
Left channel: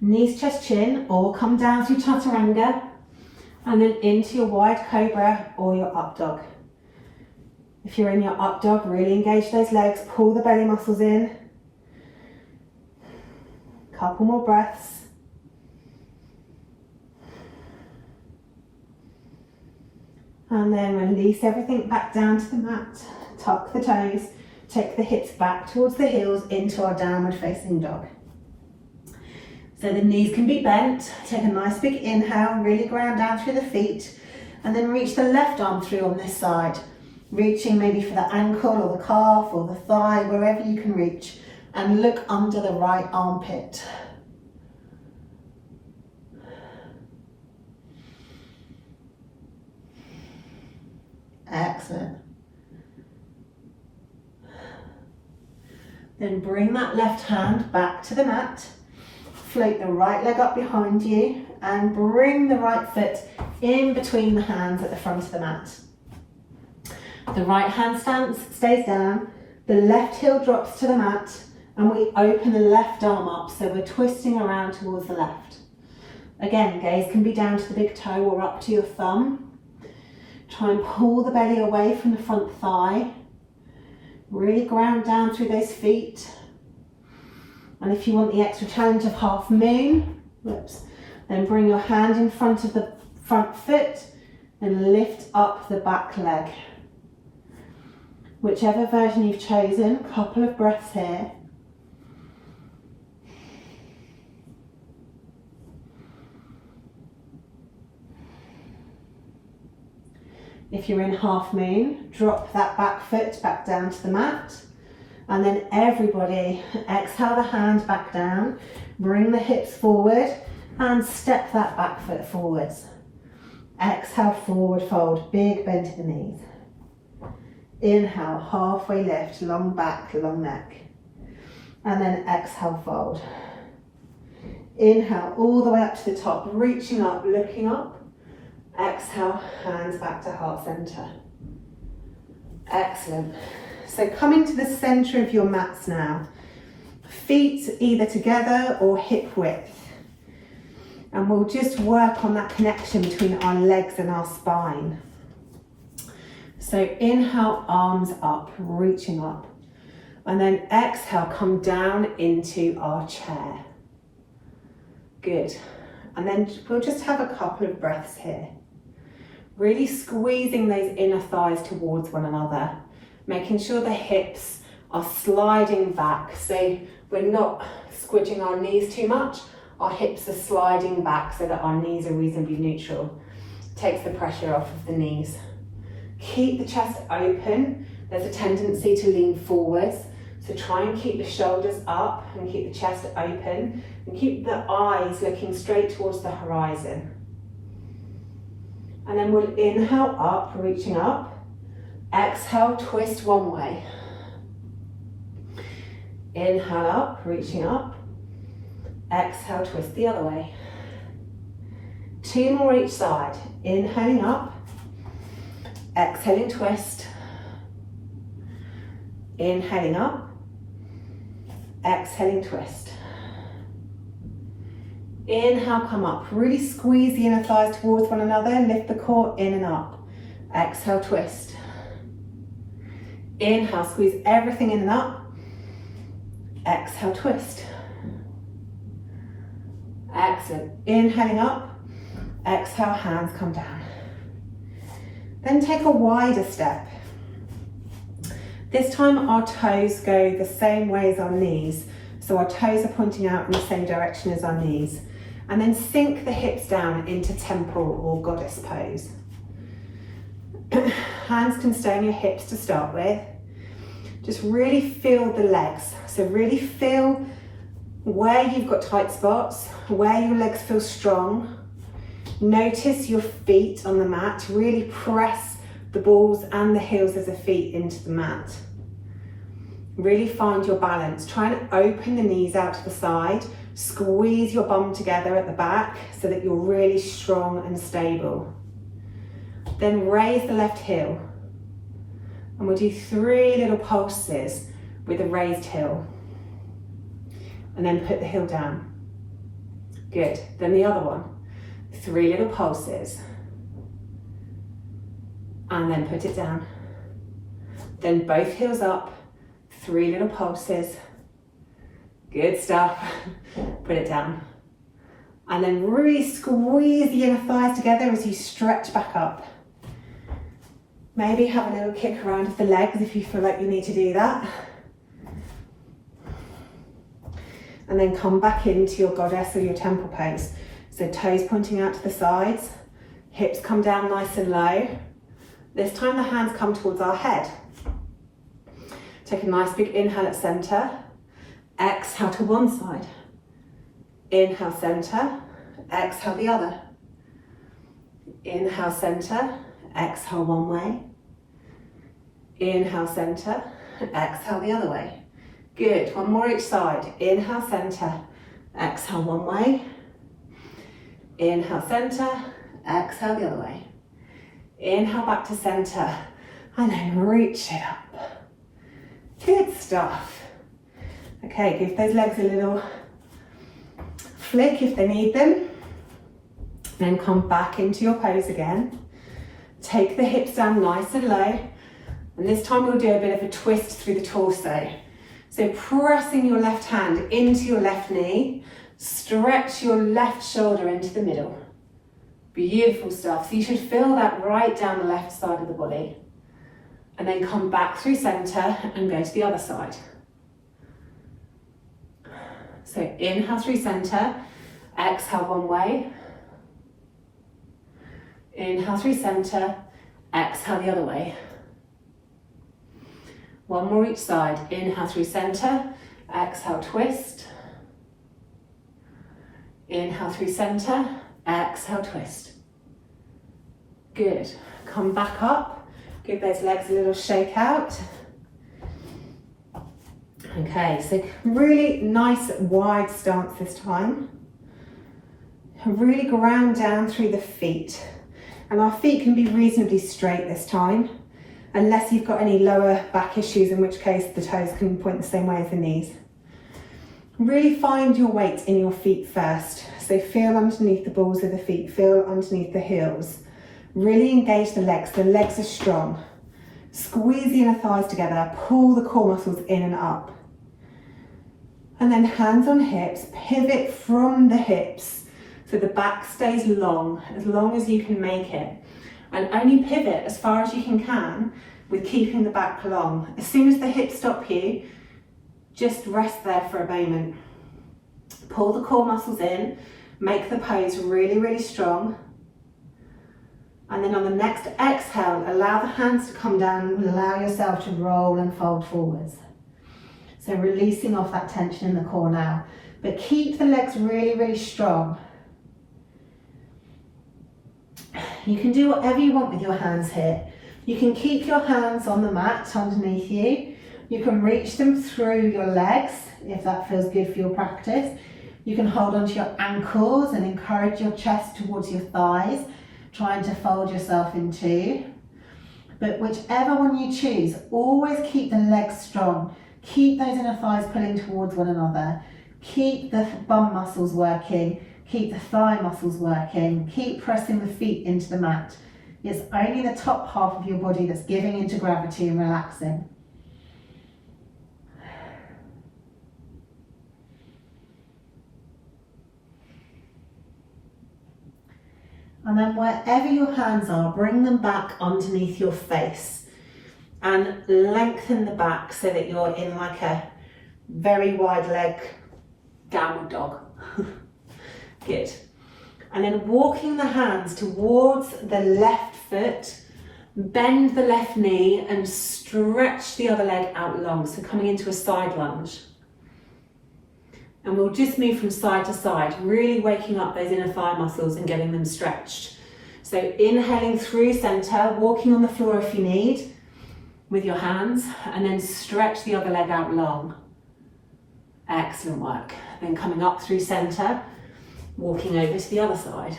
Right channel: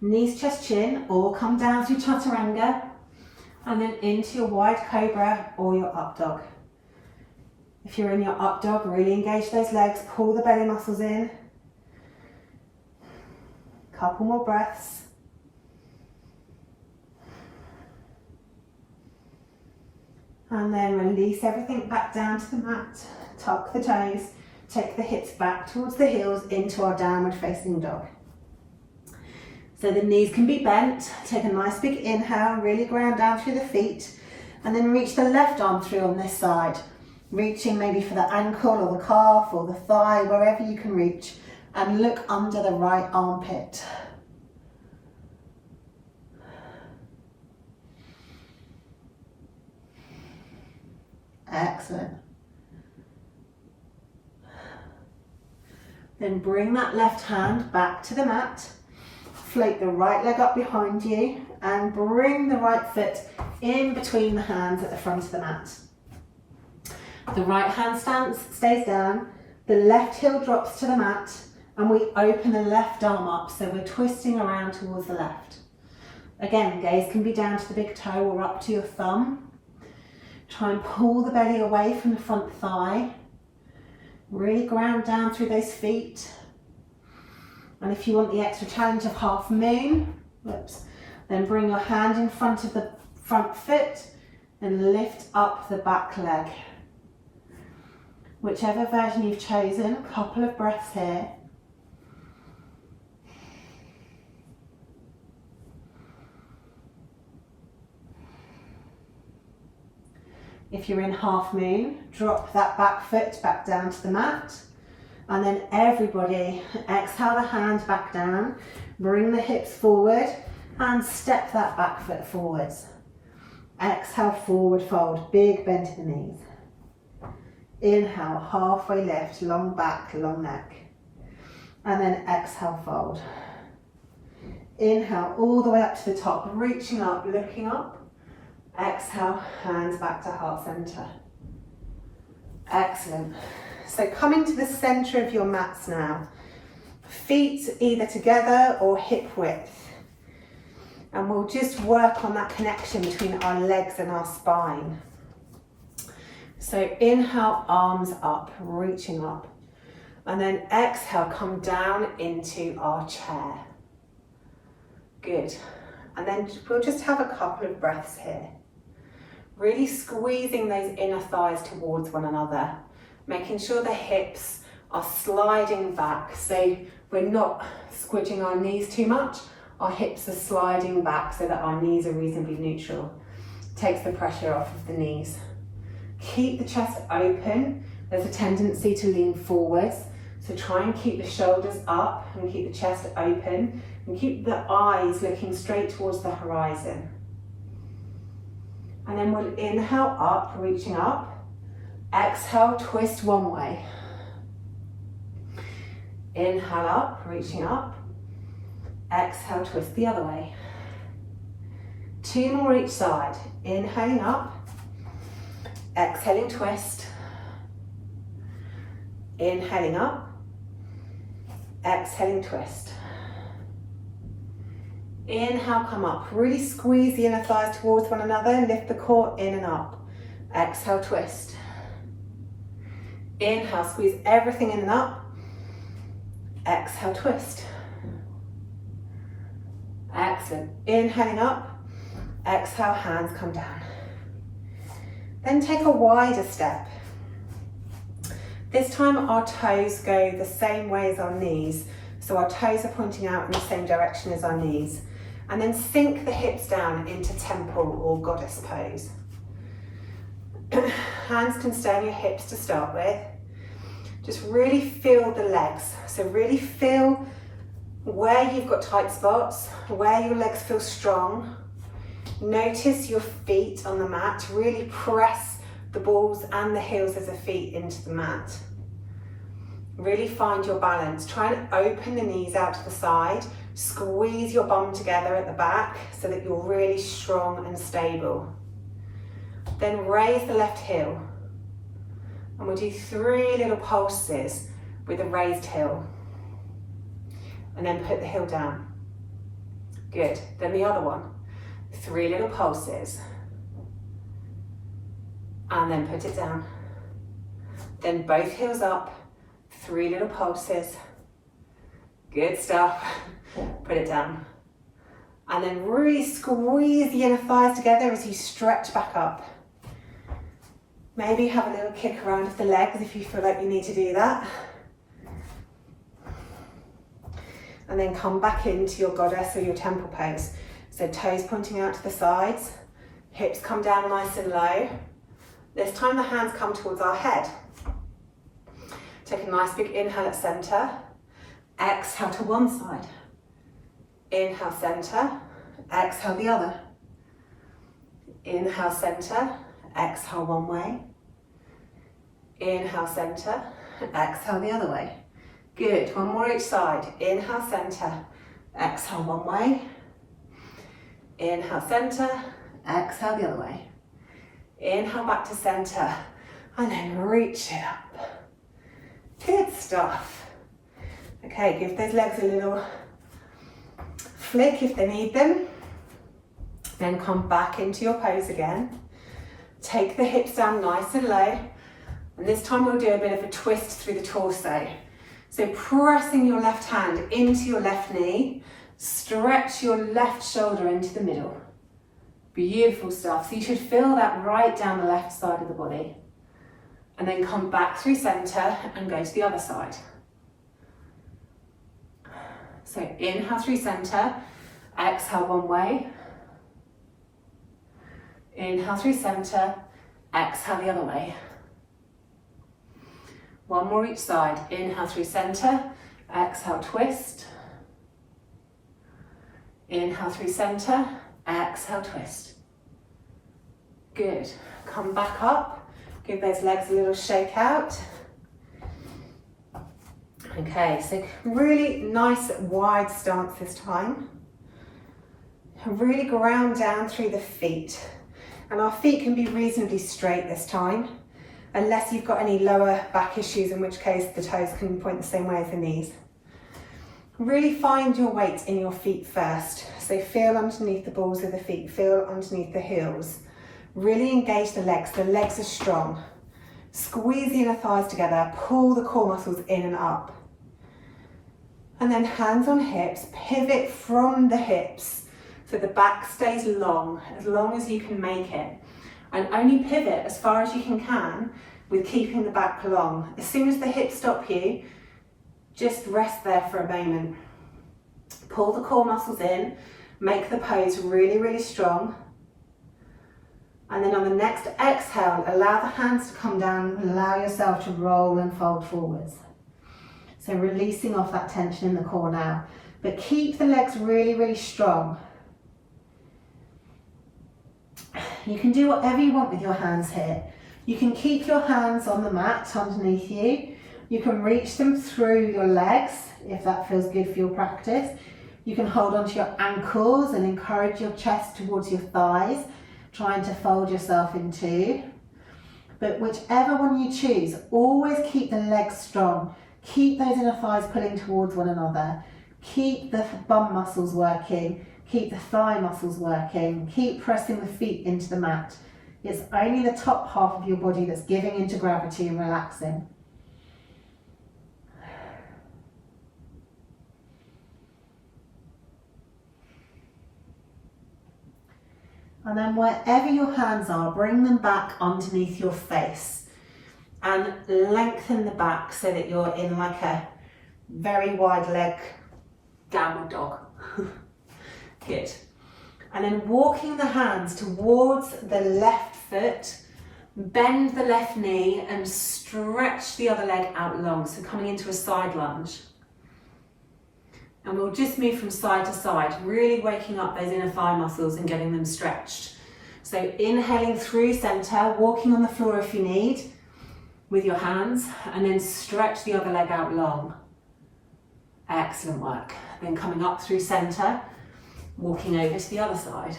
Knees, chest, chin, or come down through chaturanga and then into your wide cobra or your up dog. If you're in your up dog, really engage those legs, pull the belly muscles in. Couple more breaths. And then release everything back down to the mat, tuck the toes, take the hips back towards the heels into our downward facing dog. So the knees can be bent, take a nice big inhale, really ground down through the feet, and then reach the left arm through on this side, reaching maybe for the ankle or the calf or the thigh, wherever you can reach, and look under the right armpit. Excellent. Then bring that left hand back to the mat, float the right leg up behind you and bring the right foot in between the hands at the front of the mat. The right hand stays down, the left heel drops to the mat, and we open the left arm up, so we're twisting around towards the left. Again, gaze can be down to the big toe or up to your thumb. Try and pull the belly away from the front thigh. Really ground down through those feet. And if you want the extra challenge of half moon, then bring your hand in front of the front foot and lift up the back leg. Whichever version you've chosen, couple of breaths here. If you're in half moon, drop that back foot back down to the mat. And then everybody, exhale the hand back down, bring the hips forward and step that back foot forwards. Exhale, forward fold, big bend to the knees. Inhale, halfway lift, long back, long neck. And then exhale, fold. Inhale, all the way up to the top, reaching up, looking up. Exhale, hands back to heart center. Excellent. So coming to the center of your mats now. Feet either together or hip width. And we'll just work on that connection between our legs and our spine. So inhale, arms up, reaching up. And then exhale, come down into our chair. Good. And then we'll just have a couple of breaths here. Really squeezing those inner thighs towards one another, making sure the hips are sliding back. So we're not squidging our knees too much. Our hips are sliding back so that our knees are reasonably neutral. Takes the pressure off of the knees. Keep the chest open. There's a tendency to lean forwards. So try and keep the shoulders up and keep the chest open and keep the eyes looking straight towards the horizon. And then we'll inhale up, reaching up. Exhale, twist one way. Inhale up, reaching up. Exhale, twist the other way. 2 more each side. Inhaling up. Exhaling, twist. Inhaling up. Exhaling, twist. Inhale, come up. Really squeeze the inner thighs towards one another. Lift the core in and up. Exhale, twist. Inhale, squeeze everything in and up. Exhale, twist. Excellent. Inhaling up. Exhale, hands come down. Then take a wider step. This time our toes go the same way as our knees. So our toes are pointing out in the same direction as our knees. And then sink the hips down into temple or goddess pose. Hands can stay on your hips to start with. Just really feel the legs. So really feel where you've got tight spots, where your legs feel strong. Notice your feet on the mat. Really press the balls and the heels of the feet into the mat. Really find your balance. Try and open the knees out to the side. Squeeze your bum together at the back so that you're really strong and stable. Then raise the left heel. And we'll do 3 little pulses with a raised heel. And then put the heel down. Good. Then the other one. 3 little pulses. And then put it down. Then both heels up. 3 little pulses. Good stuff. Put it down. And then really squeeze the inner thighs together as you stretch back up. Maybe have a little kick around of the legs if you feel like you need to do that. And then come back into your goddess or your temple pose. So toes pointing out to the sides, hips come down nice and low. This time the hands come towards our head. Take a nice big inhale at center. Exhale to one side. Inhale center, exhale the other. Inhale center, exhale one way. Inhale center, exhale the other way. Good, one more each side. Inhale center, exhale one way. Inhale center, exhale the other way. Inhale back to center, and then reach it up. Good stuff. Okay, give those legs a little flick if they need them. Then come back into your pose again. Take the hips down nice and low. And this time we'll do a bit of a twist through the torso. So pressing your left hand into your left knee, stretch your left shoulder into the middle. Beautiful stuff. So you should feel that right down the left side of the body. And then come back through center and go to the other side. So inhale through center, exhale one way. Inhale through center, exhale the other way. One more each side. Inhale through center, exhale twist. Inhale through center, exhale twist. Good. Come back up. Give those legs a little shake out. Okay, so really nice wide stance this time. Really ground down through the feet. And our feet can be reasonably straight this time, unless you've got any lower back issues, in which case the toes can point the same way as the knees. Really find your weight in your feet first. So feel underneath the balls of the feet, feel underneath the heels. Really engage the legs are strong. Squeeze the inner thighs together, pull the core muscles in and up. And then hands on hips, pivot from the hips so the back stays long as you can make it. And only pivot as far as you can with keeping the back long. As soon as the hips stop you, just rest there for a moment. Pull the core muscles in, make the pose really, really strong. And then on the next exhale, allow the hands to come down and allow yourself to roll and fold forwards. So releasing off that tension in the core now, but keep the legs really, really strong. You can do whatever you want with your hands here. You can keep your hands on the mat underneath you. You can reach them through your legs if that feels good for your practice. You can hold onto your ankles and encourage your chest towards your thighs, trying to fold yourself in two. But whichever one you choose, always keep the legs strong. Keep those inner thighs pulling towards one another. Keep the bum muscles working. Keep the thigh muscles working. Keep pressing the feet into the mat. It's only the top half of your body that's giving into gravity and relaxing. And then wherever your hands are, bring them back underneath your face and lengthen the back so that you're in like a very wide leg downward dog. Good. And then walking the hands towards the left foot, bend the left knee and stretch the other leg out long. So coming into a side lunge. And we'll just move from side to side, really waking up those inner thigh muscles and getting them stretched. So inhaling through center, walking on the floor if you need with your hands, and then stretch the other leg out long. Excellent work. Then coming up through center, walking over to the other side.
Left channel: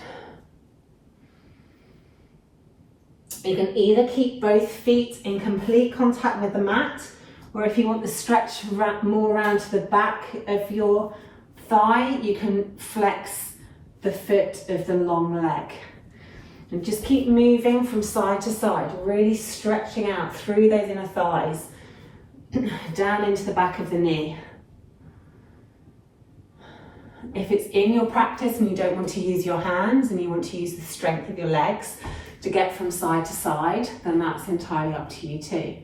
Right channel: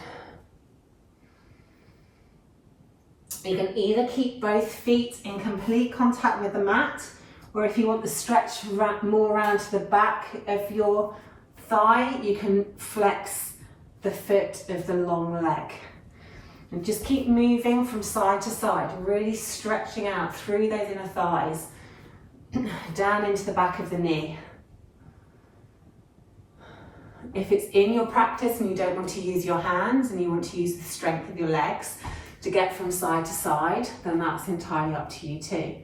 You can either keep both feet in complete contact with the mat, or if you want the stretch more around to the back of your thigh, you can flex the foot of the long leg. And just keep moving from side to side, really stretching out through those inner thighs, down into the back of the knee. If it's in your practice and you don't want to use your hands and you want to use the strength of your legs to get from side to side, then that's entirely up to you too.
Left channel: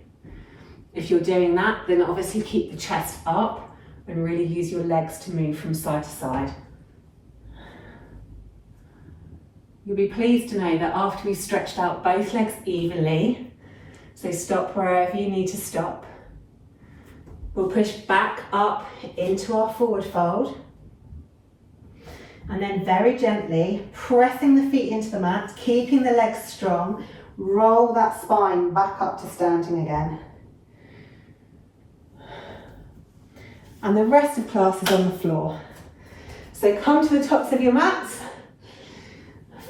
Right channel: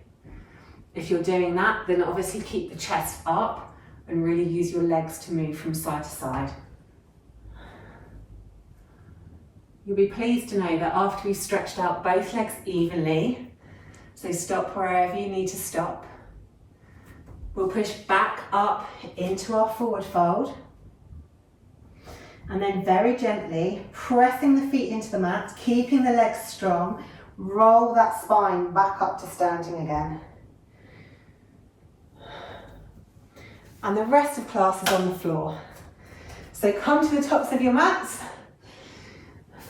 If you're doing that, then obviously keep the chest up and really use your legs to move from side to side. You'll be pleased to know that after we've stretched out both legs evenly, so stop wherever you need to stop, we'll push back up into our forward fold, and then very gently pressing the feet into the mat, keeping the legs strong, roll that spine back up to standing again. And the rest of class is on the floor. So come to the tops of your mats,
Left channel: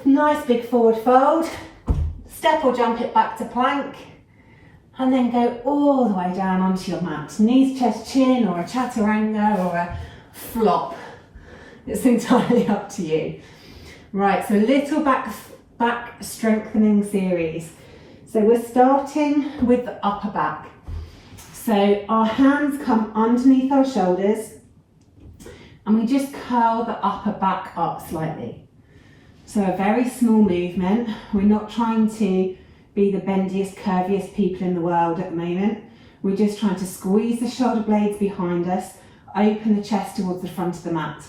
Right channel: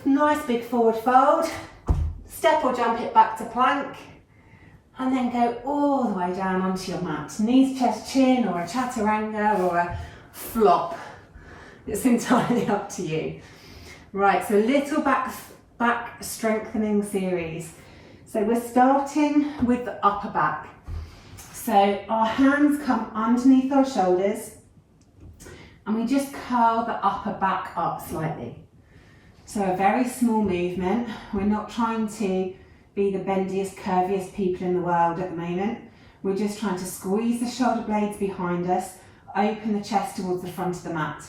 nice big forward fold, step or jump it back to plank, and then go all the way down onto your mat. Knees, chest, chin, or a chaturanga, or a flop. It's entirely up to you. Right, so a little back strengthening series. So we're starting with the upper back. So our hands come underneath our shoulders and we just curl the upper back up slightly. So a very small movement. We're not trying to be the bendiest, curviest people in the world at the moment. We're just trying to squeeze the shoulder blades behind us, open the chest towards the front of the mat.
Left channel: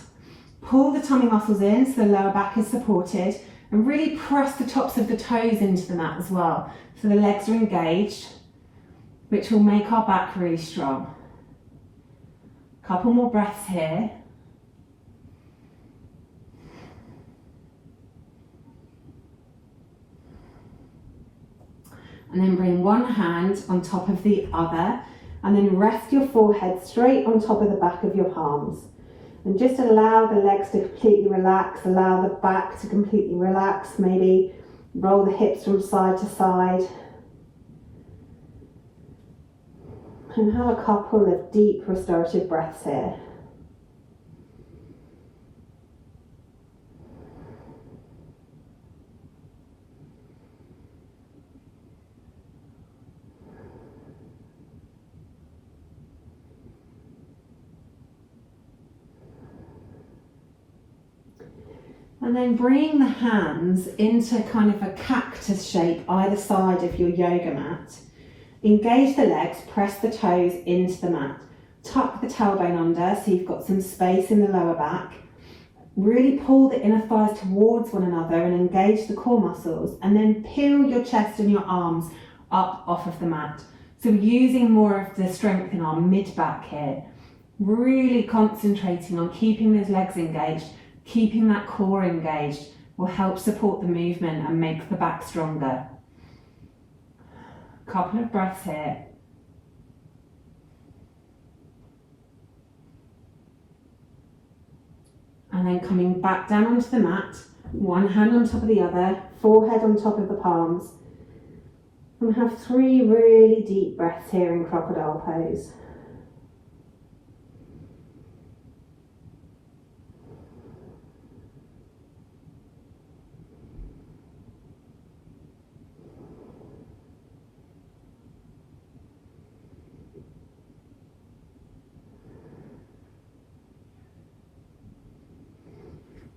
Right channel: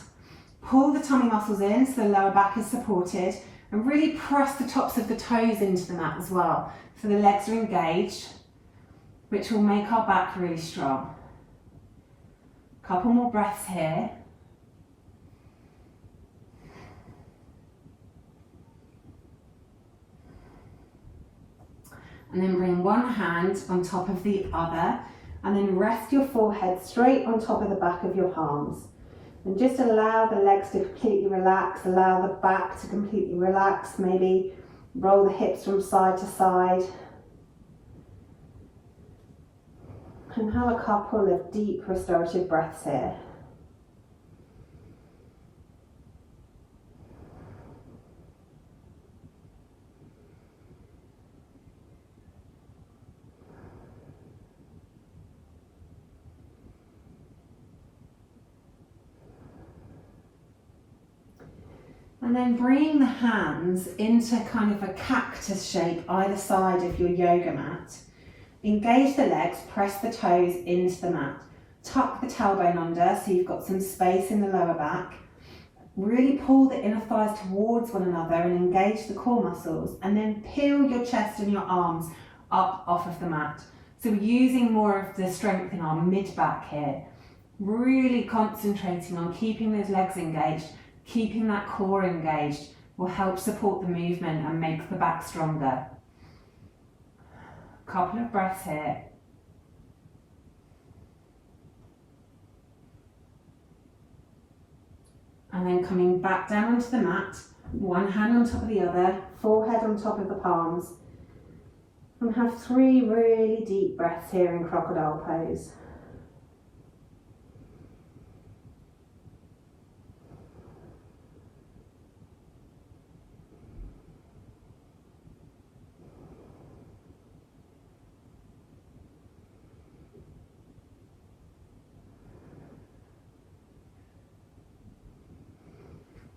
Pull the tummy muscles in so the lower back is supported, and really press the tops of the toes into the mat as well. So the legs are engaged, which will make our back really strong. Couple more breaths here. And then bring one hand on top of the other, and then rest your forehead straight on top of the back of your palms. And just allow the legs to completely relax, allow the back to completely relax, maybe roll the hips from side to side. And have a couple of deep restorative breaths here. And then bring the hands into kind of a cactus shape either side of your yoga mat. Engage the legs, press the toes into the mat. Tuck the tailbone under so you've got some space in the lower back. Really pull the inner thighs towards one another and engage the core muscles. And then peel your chest and your arms up off of the mat. So we're using more of the strength in our mid-back here. Really concentrating on keeping those legs engaged, keeping that core engaged, will help support the movement and make the back stronger. Couple of breaths here. And then coming back down onto the mat, one hand on top of the other, forehead on top of the palms. And have 3 really deep breaths here in crocodile pose.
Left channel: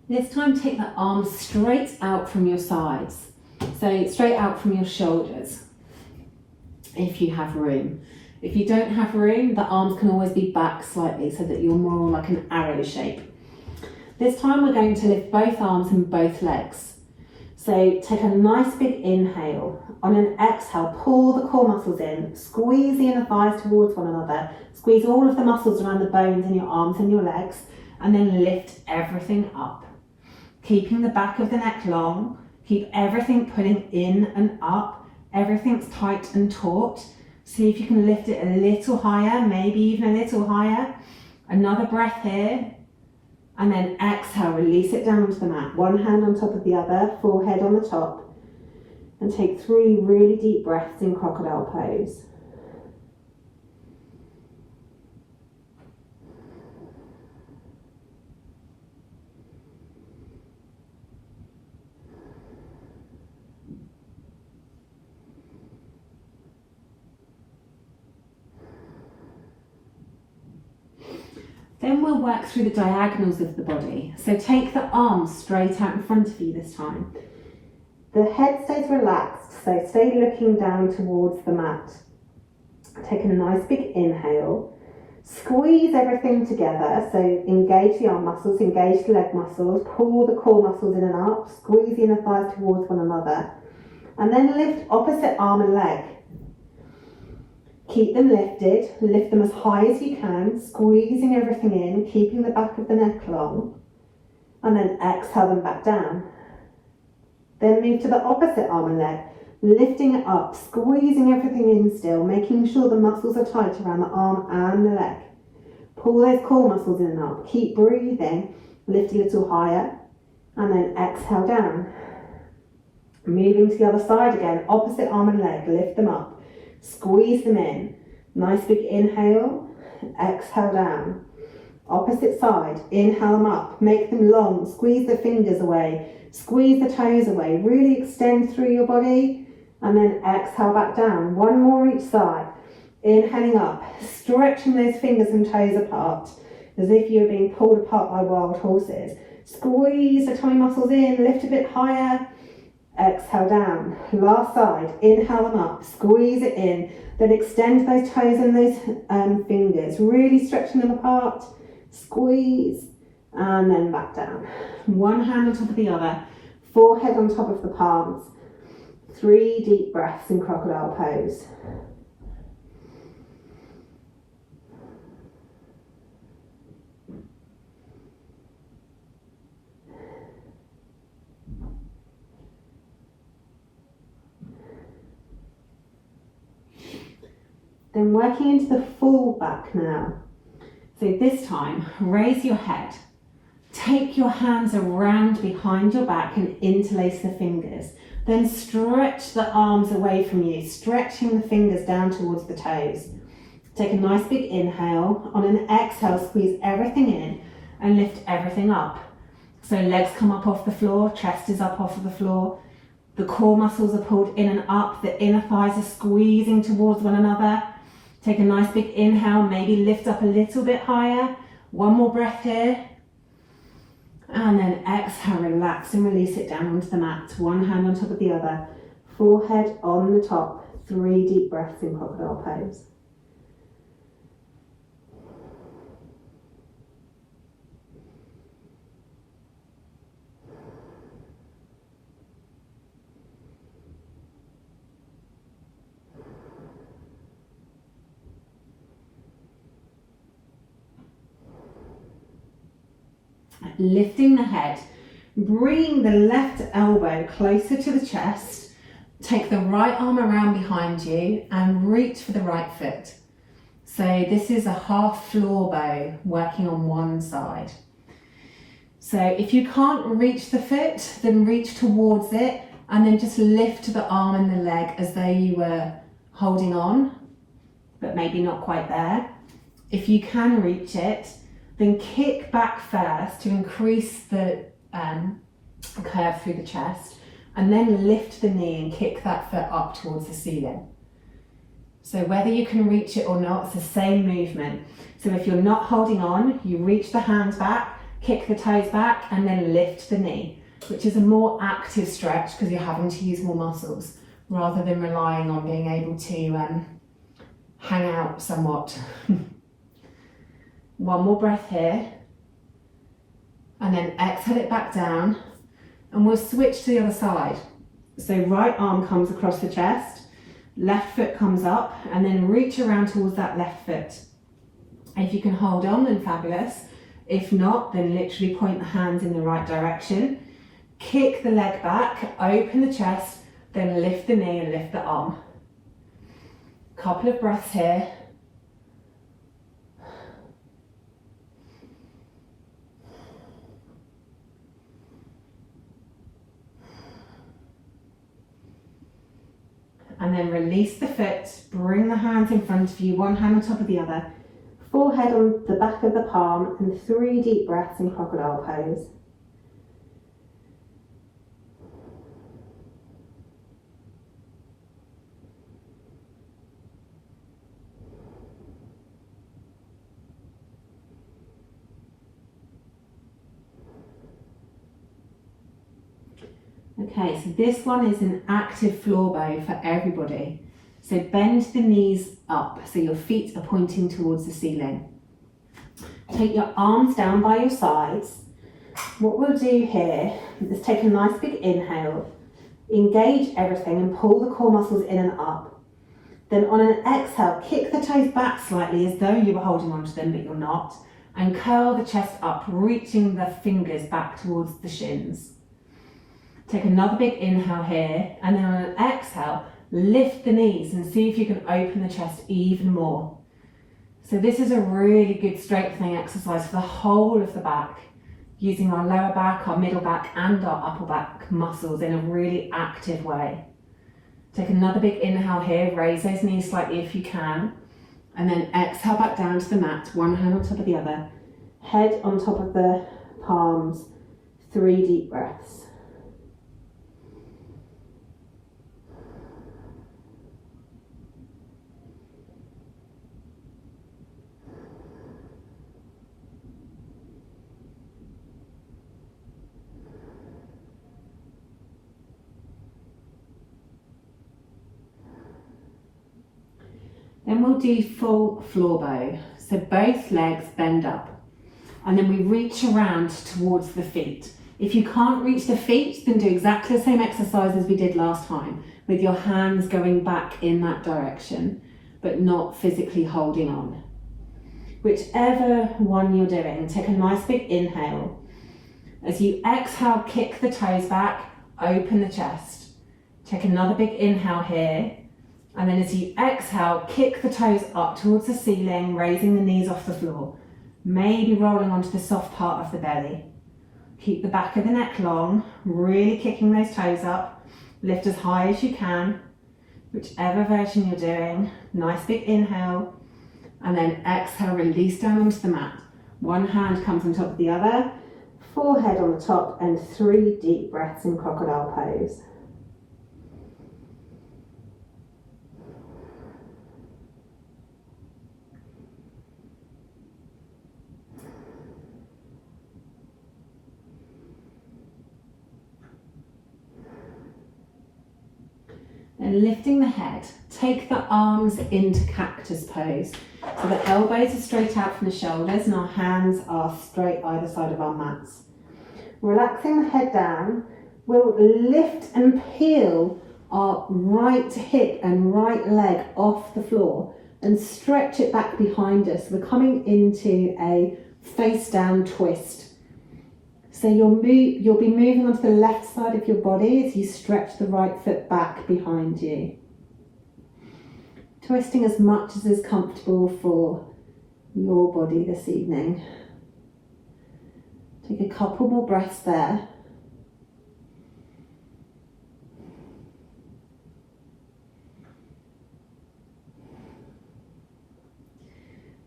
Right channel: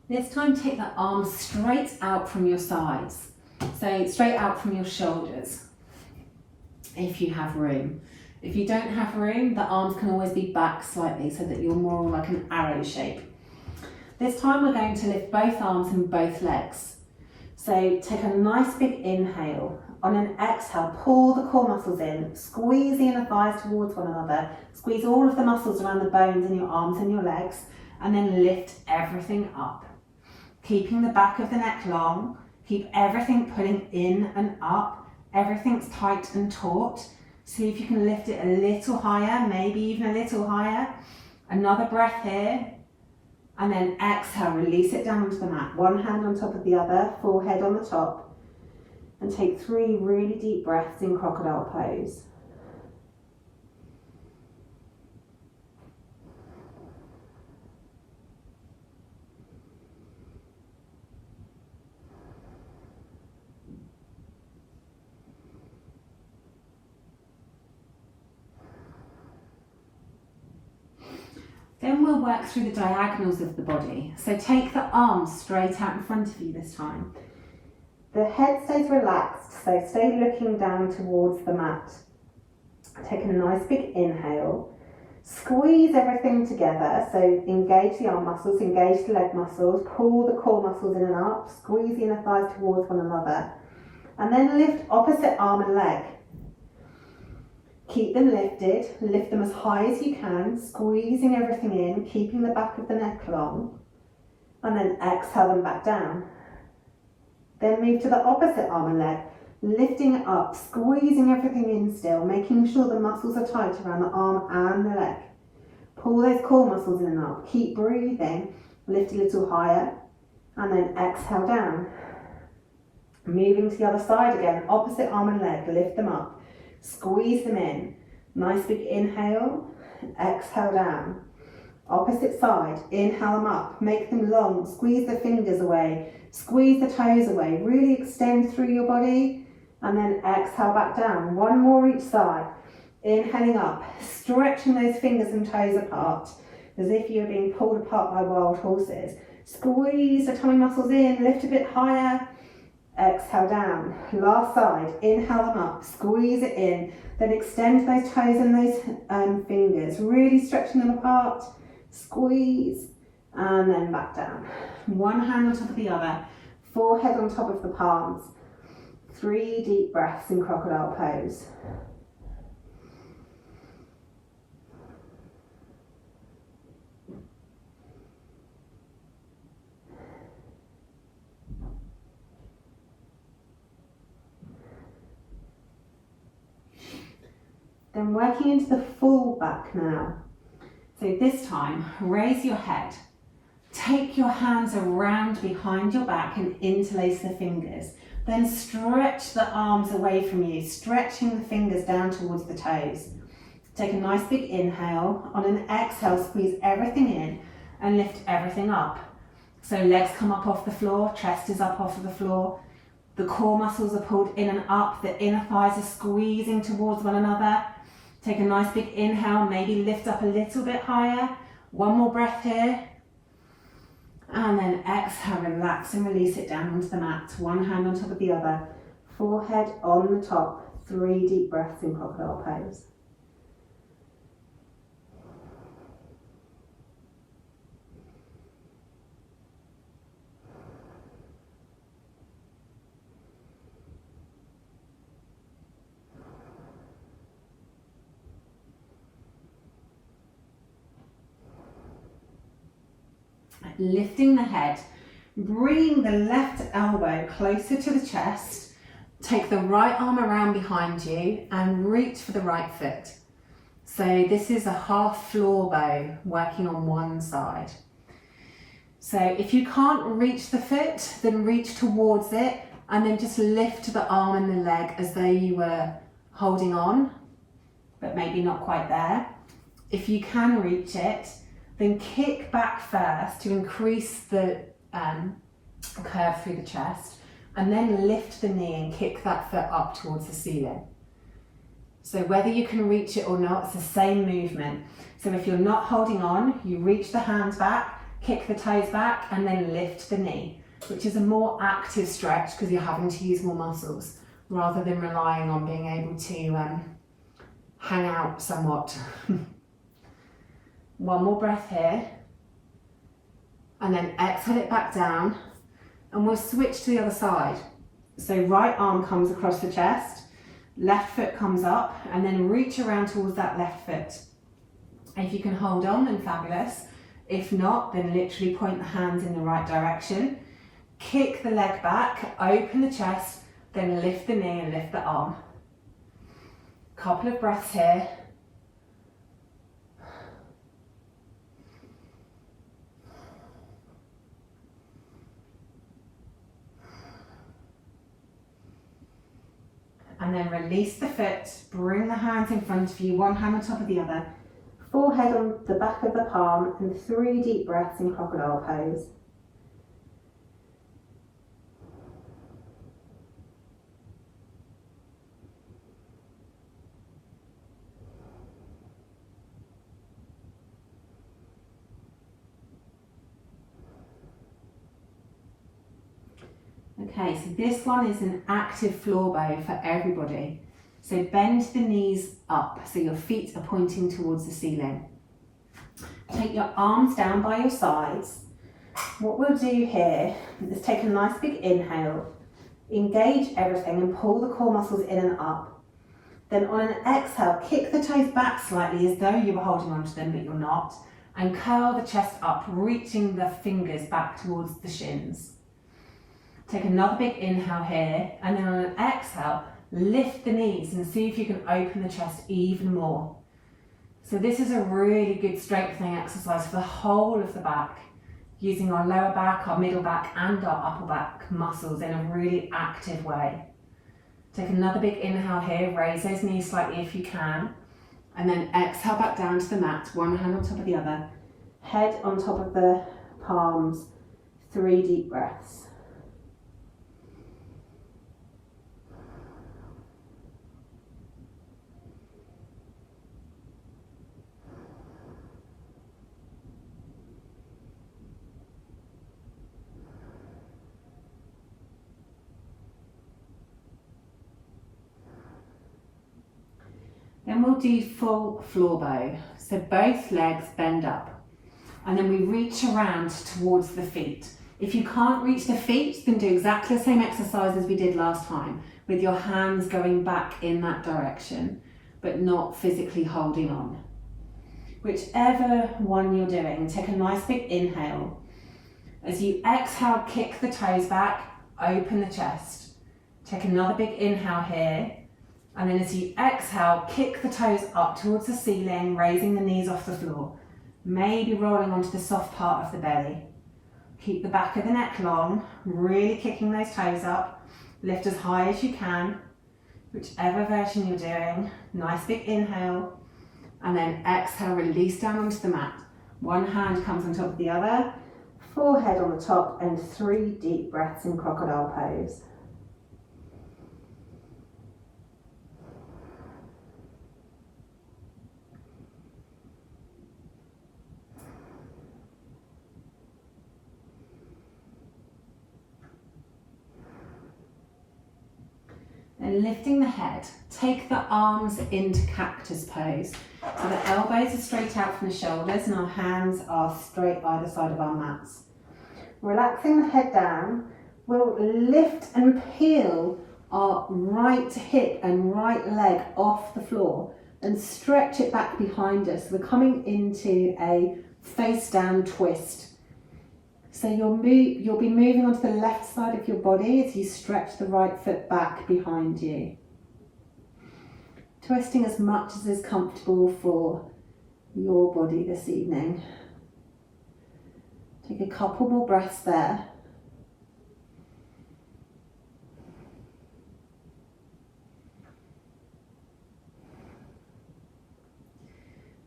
This time take the arms straight out from your sides. So straight out from your shoulders, if you have room. If you don't have room, the arms can always be back slightly so that you're more like an arrow shape. This time we're going to lift both arms and both legs. So take a nice big inhale. On an exhale, pull the core muscles in, squeeze the inner thighs towards one another, squeeze all of the muscles around the bones in your arms and your legs, and then lift everything up. Keeping the back of the neck long, keep everything pulling in and up, everything's tight and taut. See if you can lift it a little higher, maybe even a little higher. Another breath here, and then exhale, release it down onto the mat. One hand on top of the other, forehead on the top, and take 3 really deep breaths in crocodile pose. Then we'll work through the diagonals of the body. So take the arms straight out in front of you this time. The head stays relaxed, so stay looking down towards the mat. Take a nice big inhale. Squeeze everything together, so engage the arm muscles, engage the leg muscles, pull the core muscles in and up, squeeze the inner thighs towards one another, and then lift opposite arm and leg. Keep them lifted, lift them as high as you can, squeezing everything in, keeping the back of the neck long, and then exhale them back down. Then move to the opposite arm and leg, lifting it up, squeezing everything in still, making sure the muscles are tight around the arm and the leg. Pull those core muscles in and up, keep breathing, lift a little higher, and then exhale down. Moving to the other side again, opposite arm and leg, lift them up. Squeeze them in. Nice big inhale, exhale down. Opposite side, inhale them up, make them long, squeeze the fingers away, squeeze the toes away, really extend through your body, and then exhale back down. One more each side. Inhaling up, stretching those fingers and toes apart, as if you're being pulled apart by wild horses. Squeeze the tummy muscles in, lift a bit higher. Exhale down. Last side, inhale them up, squeeze it in, then extend those toes and those fingers, really stretching them apart, squeeze, and then back down. One hand on top of the other, forehead on top of the palms. 3 deep breaths in crocodile pose. Then working into the full back now. So this time, raise your head. Take your hands around behind your back and interlace the fingers. Then stretch the arms away from you, stretching the fingers down towards the toes. Take a nice big inhale. On an exhale, squeeze everything in and lift everything up. So legs come up off the floor, chest is up off of the floor. The core muscles are pulled in and up, the inner thighs are squeezing towards one another. Take a nice big inhale, maybe lift up a little bit higher. One more breath here. And then exhale, relax and release it down onto the mat. One hand on top of the other. Forehead on the top. 3 deep breaths in crocodile pose. Lifting the head, bringing the left elbow closer to the chest. Take the right arm around behind you and reach for the right foot. So this is a half floor bow working on one side. So if you can't reach the foot, then reach towards it and then just lift the arm and the leg as though you were holding on, but maybe not quite there. If you can reach it, then kick back first to increase the curve through the chest, and then lift the knee and kick that foot up towards the ceiling. So whether you can reach it or not, it's the same movement. So if you're not holding on, you reach the hands back, kick the toes back, and then lift the knee, which is a more active stretch because you're having to use more muscles rather than relying on being able to hang out somewhat. One more breath here, and then exhale it back down, and we'll switch to the other side. So right arm comes across the chest, left foot comes up, and then reach around towards that left foot. If you can hold on, then fabulous. If not, then literally point the hands in the right direction. Kick the leg back, open the chest, then lift the knee and lift the arm. Couple of breaths here. And then release the foot, bring the hands in front of you, one hand on top of the other, forehead on the back of the palm, and 3 deep breaths in crocodile pose. Okay, so this one is an active floor bow for everybody. So bend the knees up so your feet are pointing towards the ceiling. Take your arms down by your sides. What we'll do here is take a nice big inhale, engage everything and pull the core muscles in and up. Then on an exhale, kick the toes back slightly as though you were holding onto them, but you're not, and curl the chest up, reaching the fingers back towards the shins. Take another big inhale here, and then on an exhale, lift the knees and see if you can open the chest even more. So this is a really good strengthening exercise for the whole of the back, using our lower back, our middle back, and our upper back muscles in a really active way. Take another big inhale here, raise those knees slightly if you can, and then exhale back down to the mat, one hand on top of the other, head on top of the palms, 3 deep breaths. Then we'll do full floor bow. So both legs bend up, and then we reach around towards the feet. If you can't reach the feet, then do exactly the same exercise as we did last time, with your hands going back in that direction, but not physically holding on. Whichever one you're doing, take a nice big inhale. As you exhale, kick the toes back, open the chest. Take another big inhale here. And then as you exhale, kick the toes up towards the ceiling, raising the knees off the floor. Maybe rolling onto the soft part of the belly. Keep the back of the neck long, really kicking those toes up. Lift as high as you can, whichever version you're doing. Nice big inhale. And then exhale, release down onto the mat. One hand comes on top of the other, forehead on the top, and 3 deep breaths in crocodile pose. And lifting the head, take the arms into cactus pose. So the elbows are straight out from the shoulders and our hands are straight either side of our mats. Relaxing the head down, we'll lift and peel our right hip and right leg off the floor and stretch it back behind us. We're coming into a face down twist. So you'll be moving onto the left side of your body as you stretch the right foot back behind you. Twisting as much as is comfortable for your body this evening. Take a couple more breaths there.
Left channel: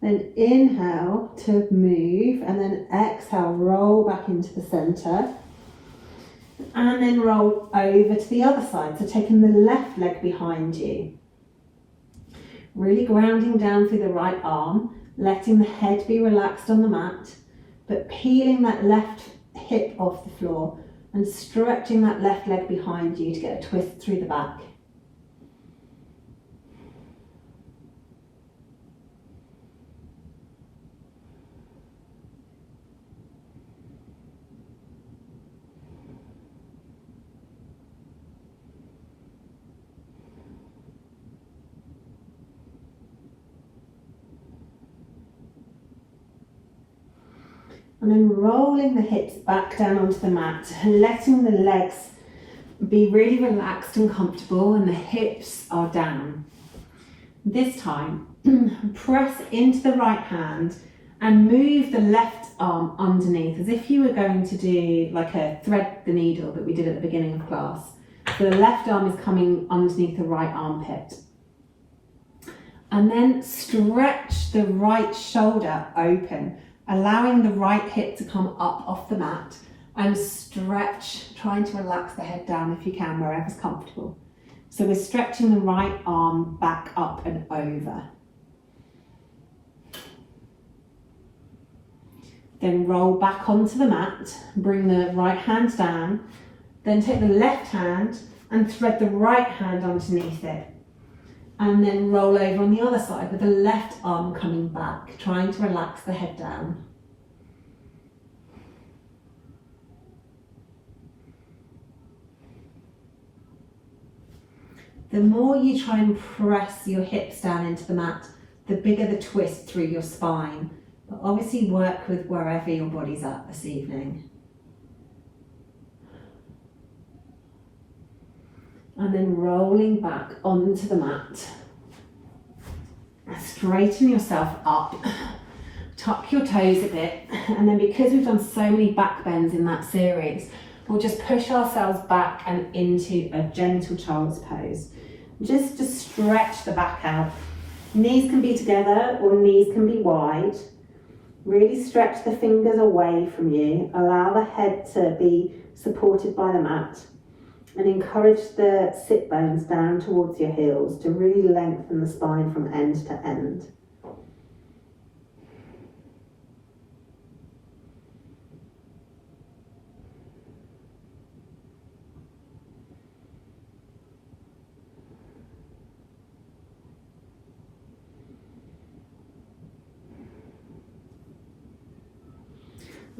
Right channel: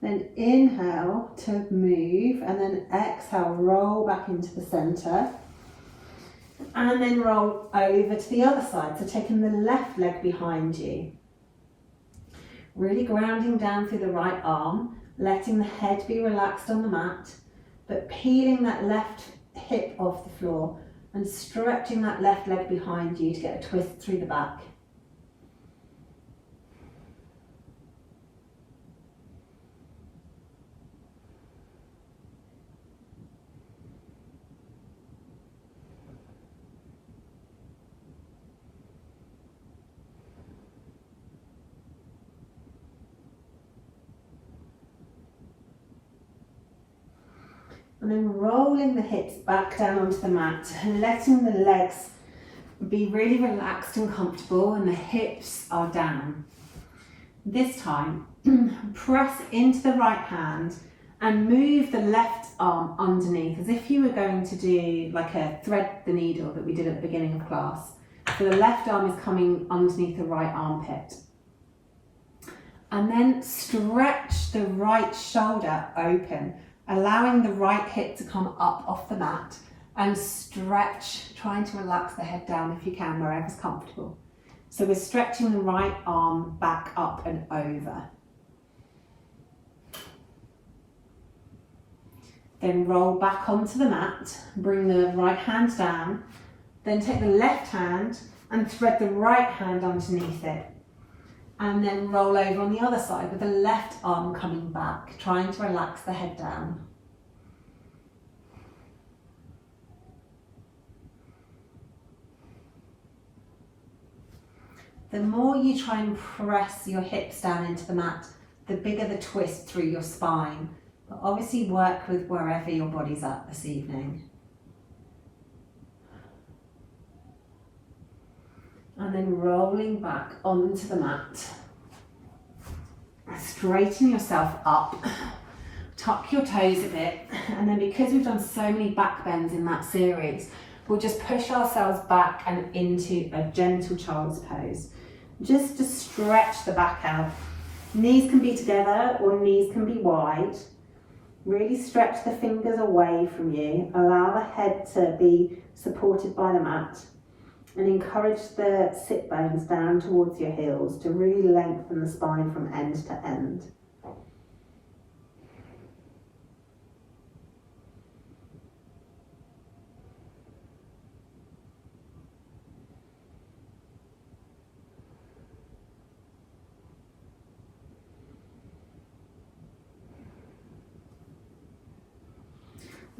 Then inhale to move, and then exhale, roll back into the centre. And then roll over to the other side, so taking the left leg behind you. Really grounding down through the right arm, letting the head be relaxed on the mat, but peeling that left hip off the floor and stretching that left leg behind you to get a twist through the back. And then rolling the hips back down onto the mat and letting the legs be really relaxed and comfortable, and the hips are down. This time, press into the right hand and move the left arm underneath as if you were going to do like a thread the needle that we did at the beginning of class. So the left arm is coming underneath the right armpit. And then stretch the right shoulder open, allowing the right hip to come up off the mat, and stretch, trying to relax the head down if you can, wherever's comfortable. So we're stretching the right arm back up and over. Then roll back onto the mat, bring the right hand down, then take the left hand and thread the right hand underneath it. And then roll over on the other side with the left arm coming back, trying to relax the head down. The more you try and press your hips down into the mat, the bigger the twist through your spine. But obviously work with wherever your body's at this evening. And then rolling back onto the mat. Straighten yourself up. Tuck your toes a bit. And then because we've done so many back bends in that series, we'll just push ourselves back and into a gentle child's pose. Just to stretch the back out. Knees can be together or knees can be wide. Really stretch the fingers away from you. Allow the head to be supported by the mat. And encourage the sit bones down towards your heels to really lengthen the spine from end to end.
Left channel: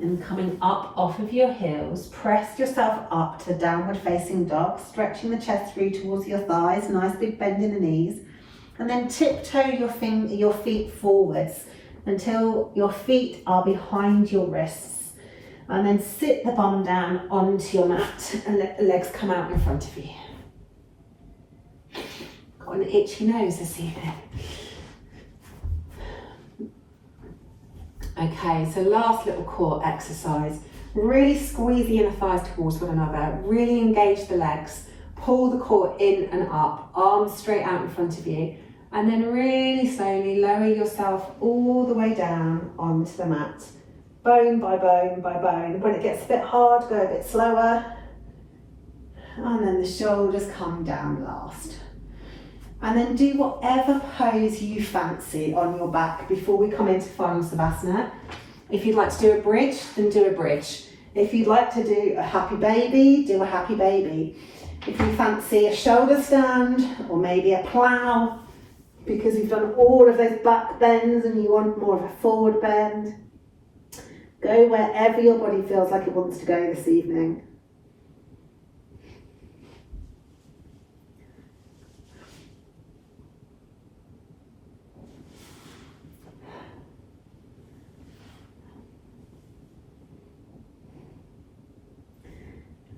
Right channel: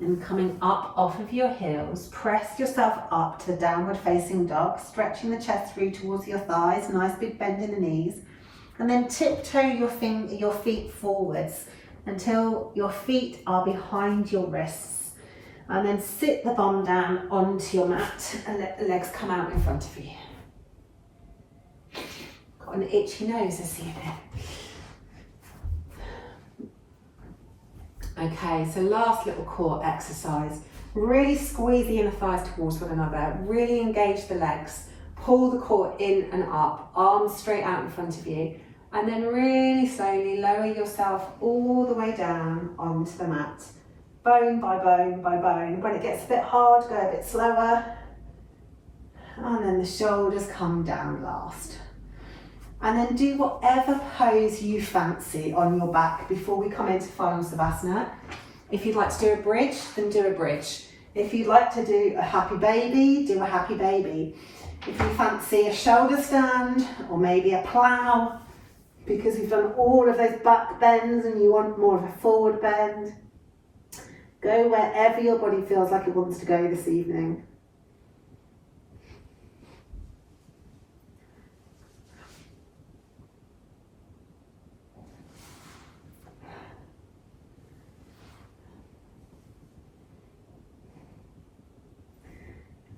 And coming up off of your heels, press yourself up to downward facing dog, stretching the chest through towards your thighs, nice big bend in the knees. And then tiptoe your feet forwards until your feet are behind your wrists. And then sit the bum down onto your mat and let the legs come out in front of you. Got an itchy nose this evening. Okay, so last little core exercise. Really squeeze the inner thighs towards one another. Really engage the legs. Pull the core in and up. Arms straight out in front of you. And then really slowly lower yourself all the way down onto the mat. Bone by bone by bone. When it gets a bit hard, go a bit slower. And then the shoulders come down last. And then do whatever pose you fancy on your back before we come into final savasana. If you'd like to do a bridge, then do a bridge. If you'd like to do a happy baby, do a happy baby. If you fancy a shoulder stand or maybe a plough, because we've done all of those back bends and you want more of a forward bend, go wherever your body feels like it wants to go this evening.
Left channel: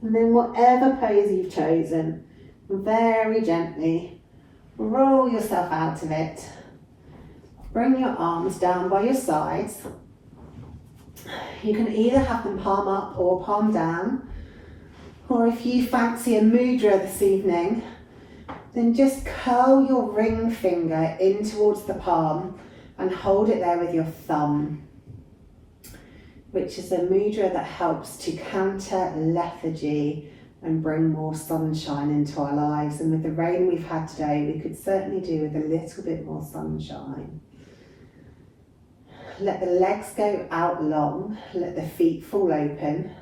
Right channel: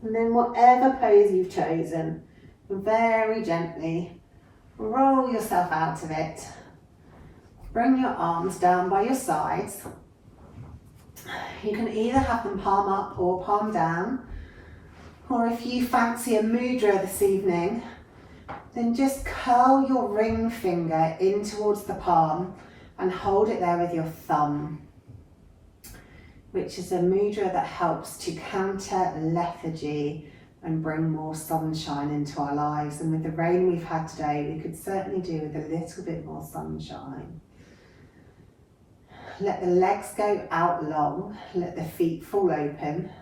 And then whatever pose you've chosen, very gently roll yourself out of it. Bring your arms down by your sides. You can either have them palm up or palm down, or if you fancy a mudra this evening, then just curl your ring finger in towards the palm and hold it there with your thumb, which is a mudra that helps to counter lethargy and bring more sunshine into our lives. And with the rain we've had today, we could certainly do with a little bit more sunshine. Let the legs go out long, let the feet fall open.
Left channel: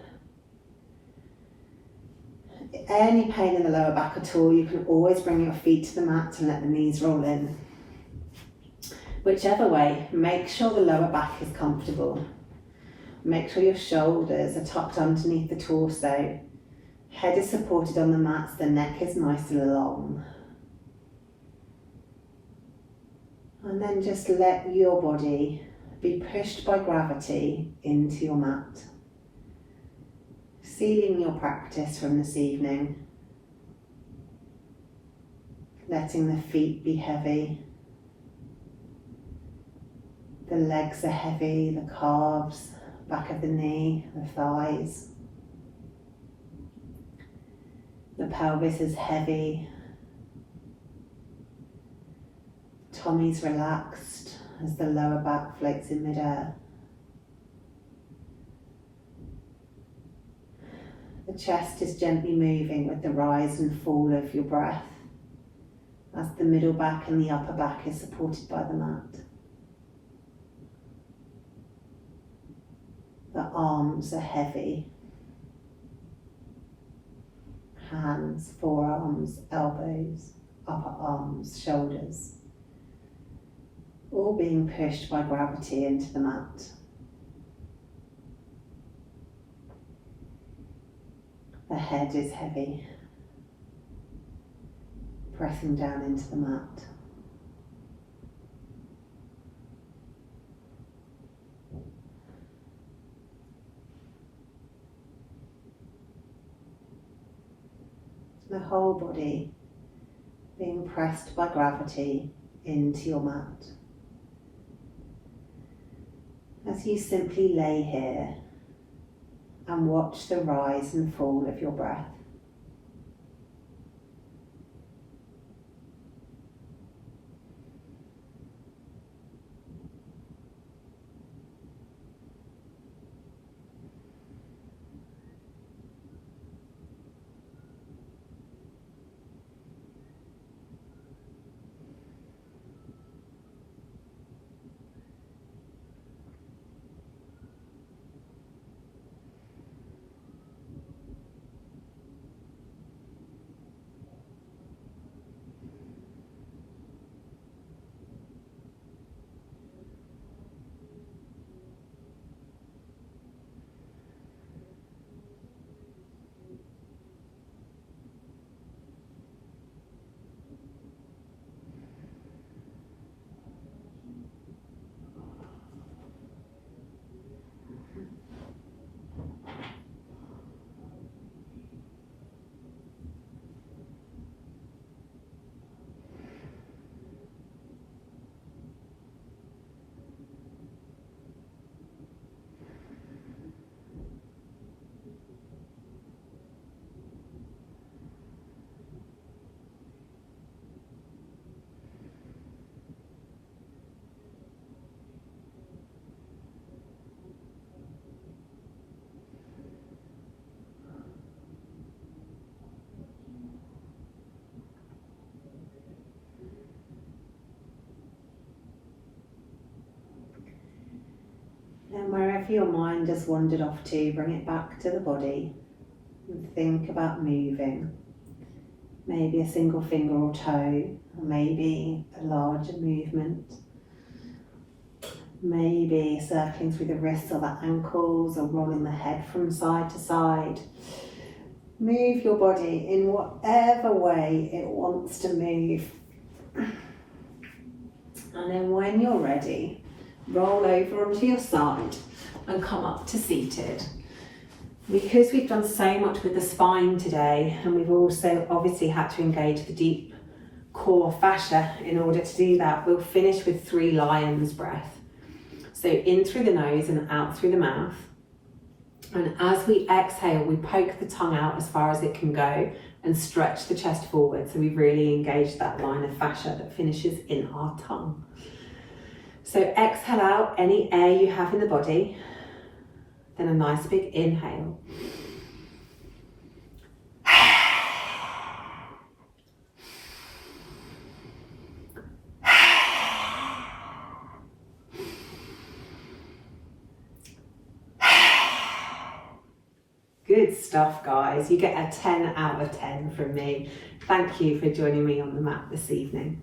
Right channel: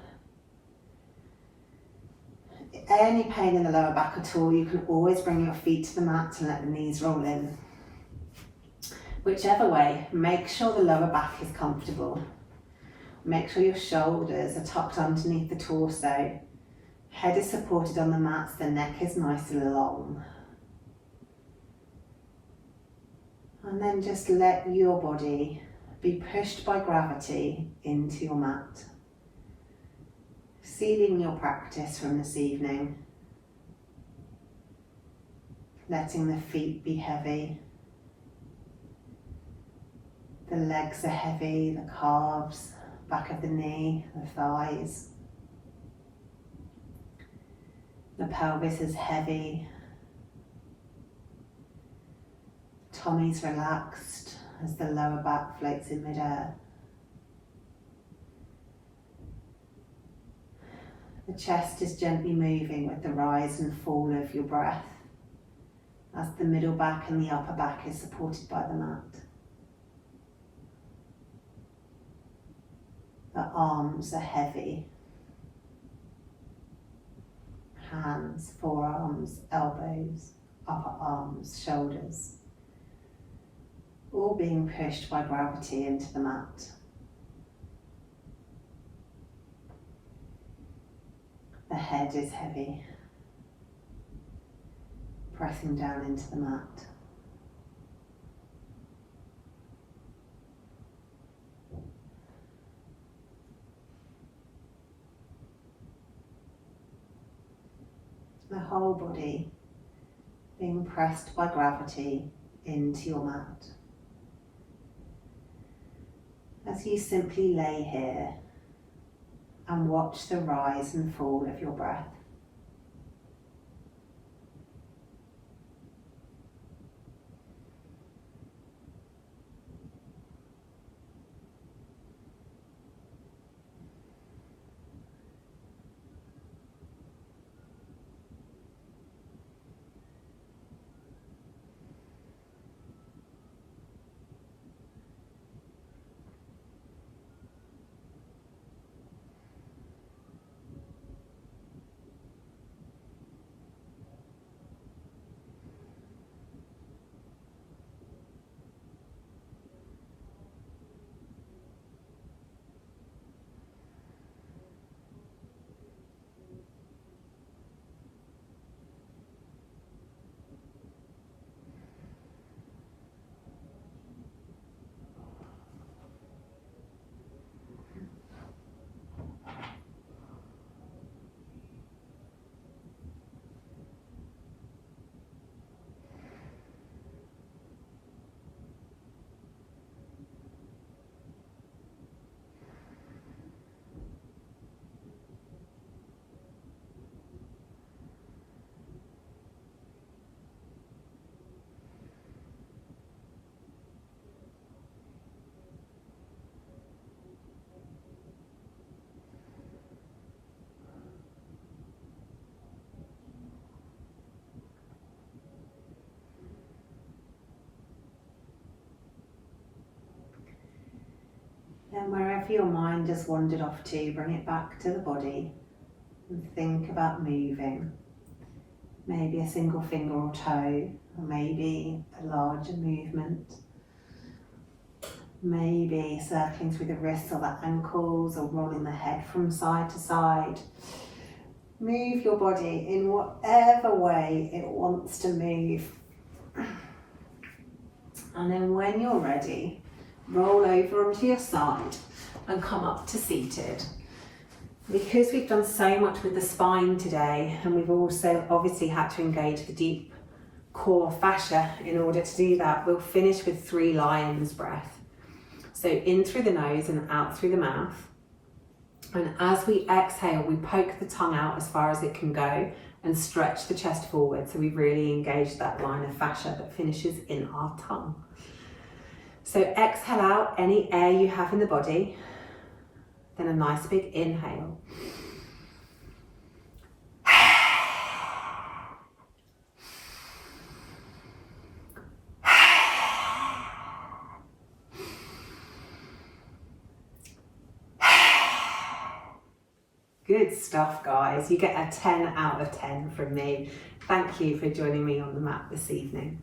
Any pain in the lower back at all, you can always bring your feet to the mat and let the knees roll in. Whichever way, make sure the lower back is comfortable. Make sure your shoulders are tucked underneath the torso. Head is supported on the mat, so the neck is nice and long. And then just let your body be pushed by gravity into your mat. Sealing your practice from this evening. Letting the feet be heavy. The legs are heavy, the calves, back of the knee, the thighs. The pelvis is heavy. Tummy's relaxed as the lower back floats in midair. The chest is gently moving with the rise and fall of your breath as the middle back and the upper back is supported by the mat. The arms are heavy. Hands, forearms, elbows, upper arms, shoulders, all being pushed by gravity into the mat. The head is heavy, pressing down into the mat. The whole body being pressed by gravity into your mat. As you simply lay here and watch the rise and fall of your breath. And wherever your mind has wandered off to, bring it back to the body and think about moving. Maybe a single finger or toe, or maybe a larger movement. Maybe circling through the wrists or the ankles or rolling the head from side to side. Move your body in whatever way it wants to move. And then when you're ready, roll over onto your side and come up to seated. Because we've done so much with the spine today, and we've also obviously had to engage the deep core fascia in order to do that, we'll finish with 3 lions breath. So in through the nose and out through the mouth. And as we exhale, we poke the tongue out as far as it can go and stretch the chest forward. So we've really engaged that line of fascia that finishes in our tongue. So exhale out any air you have in the body. Then a nice big inhale. Good stuff, guys. You get a 10 out of 10 from me. Thank you for joining me on the mat this evening.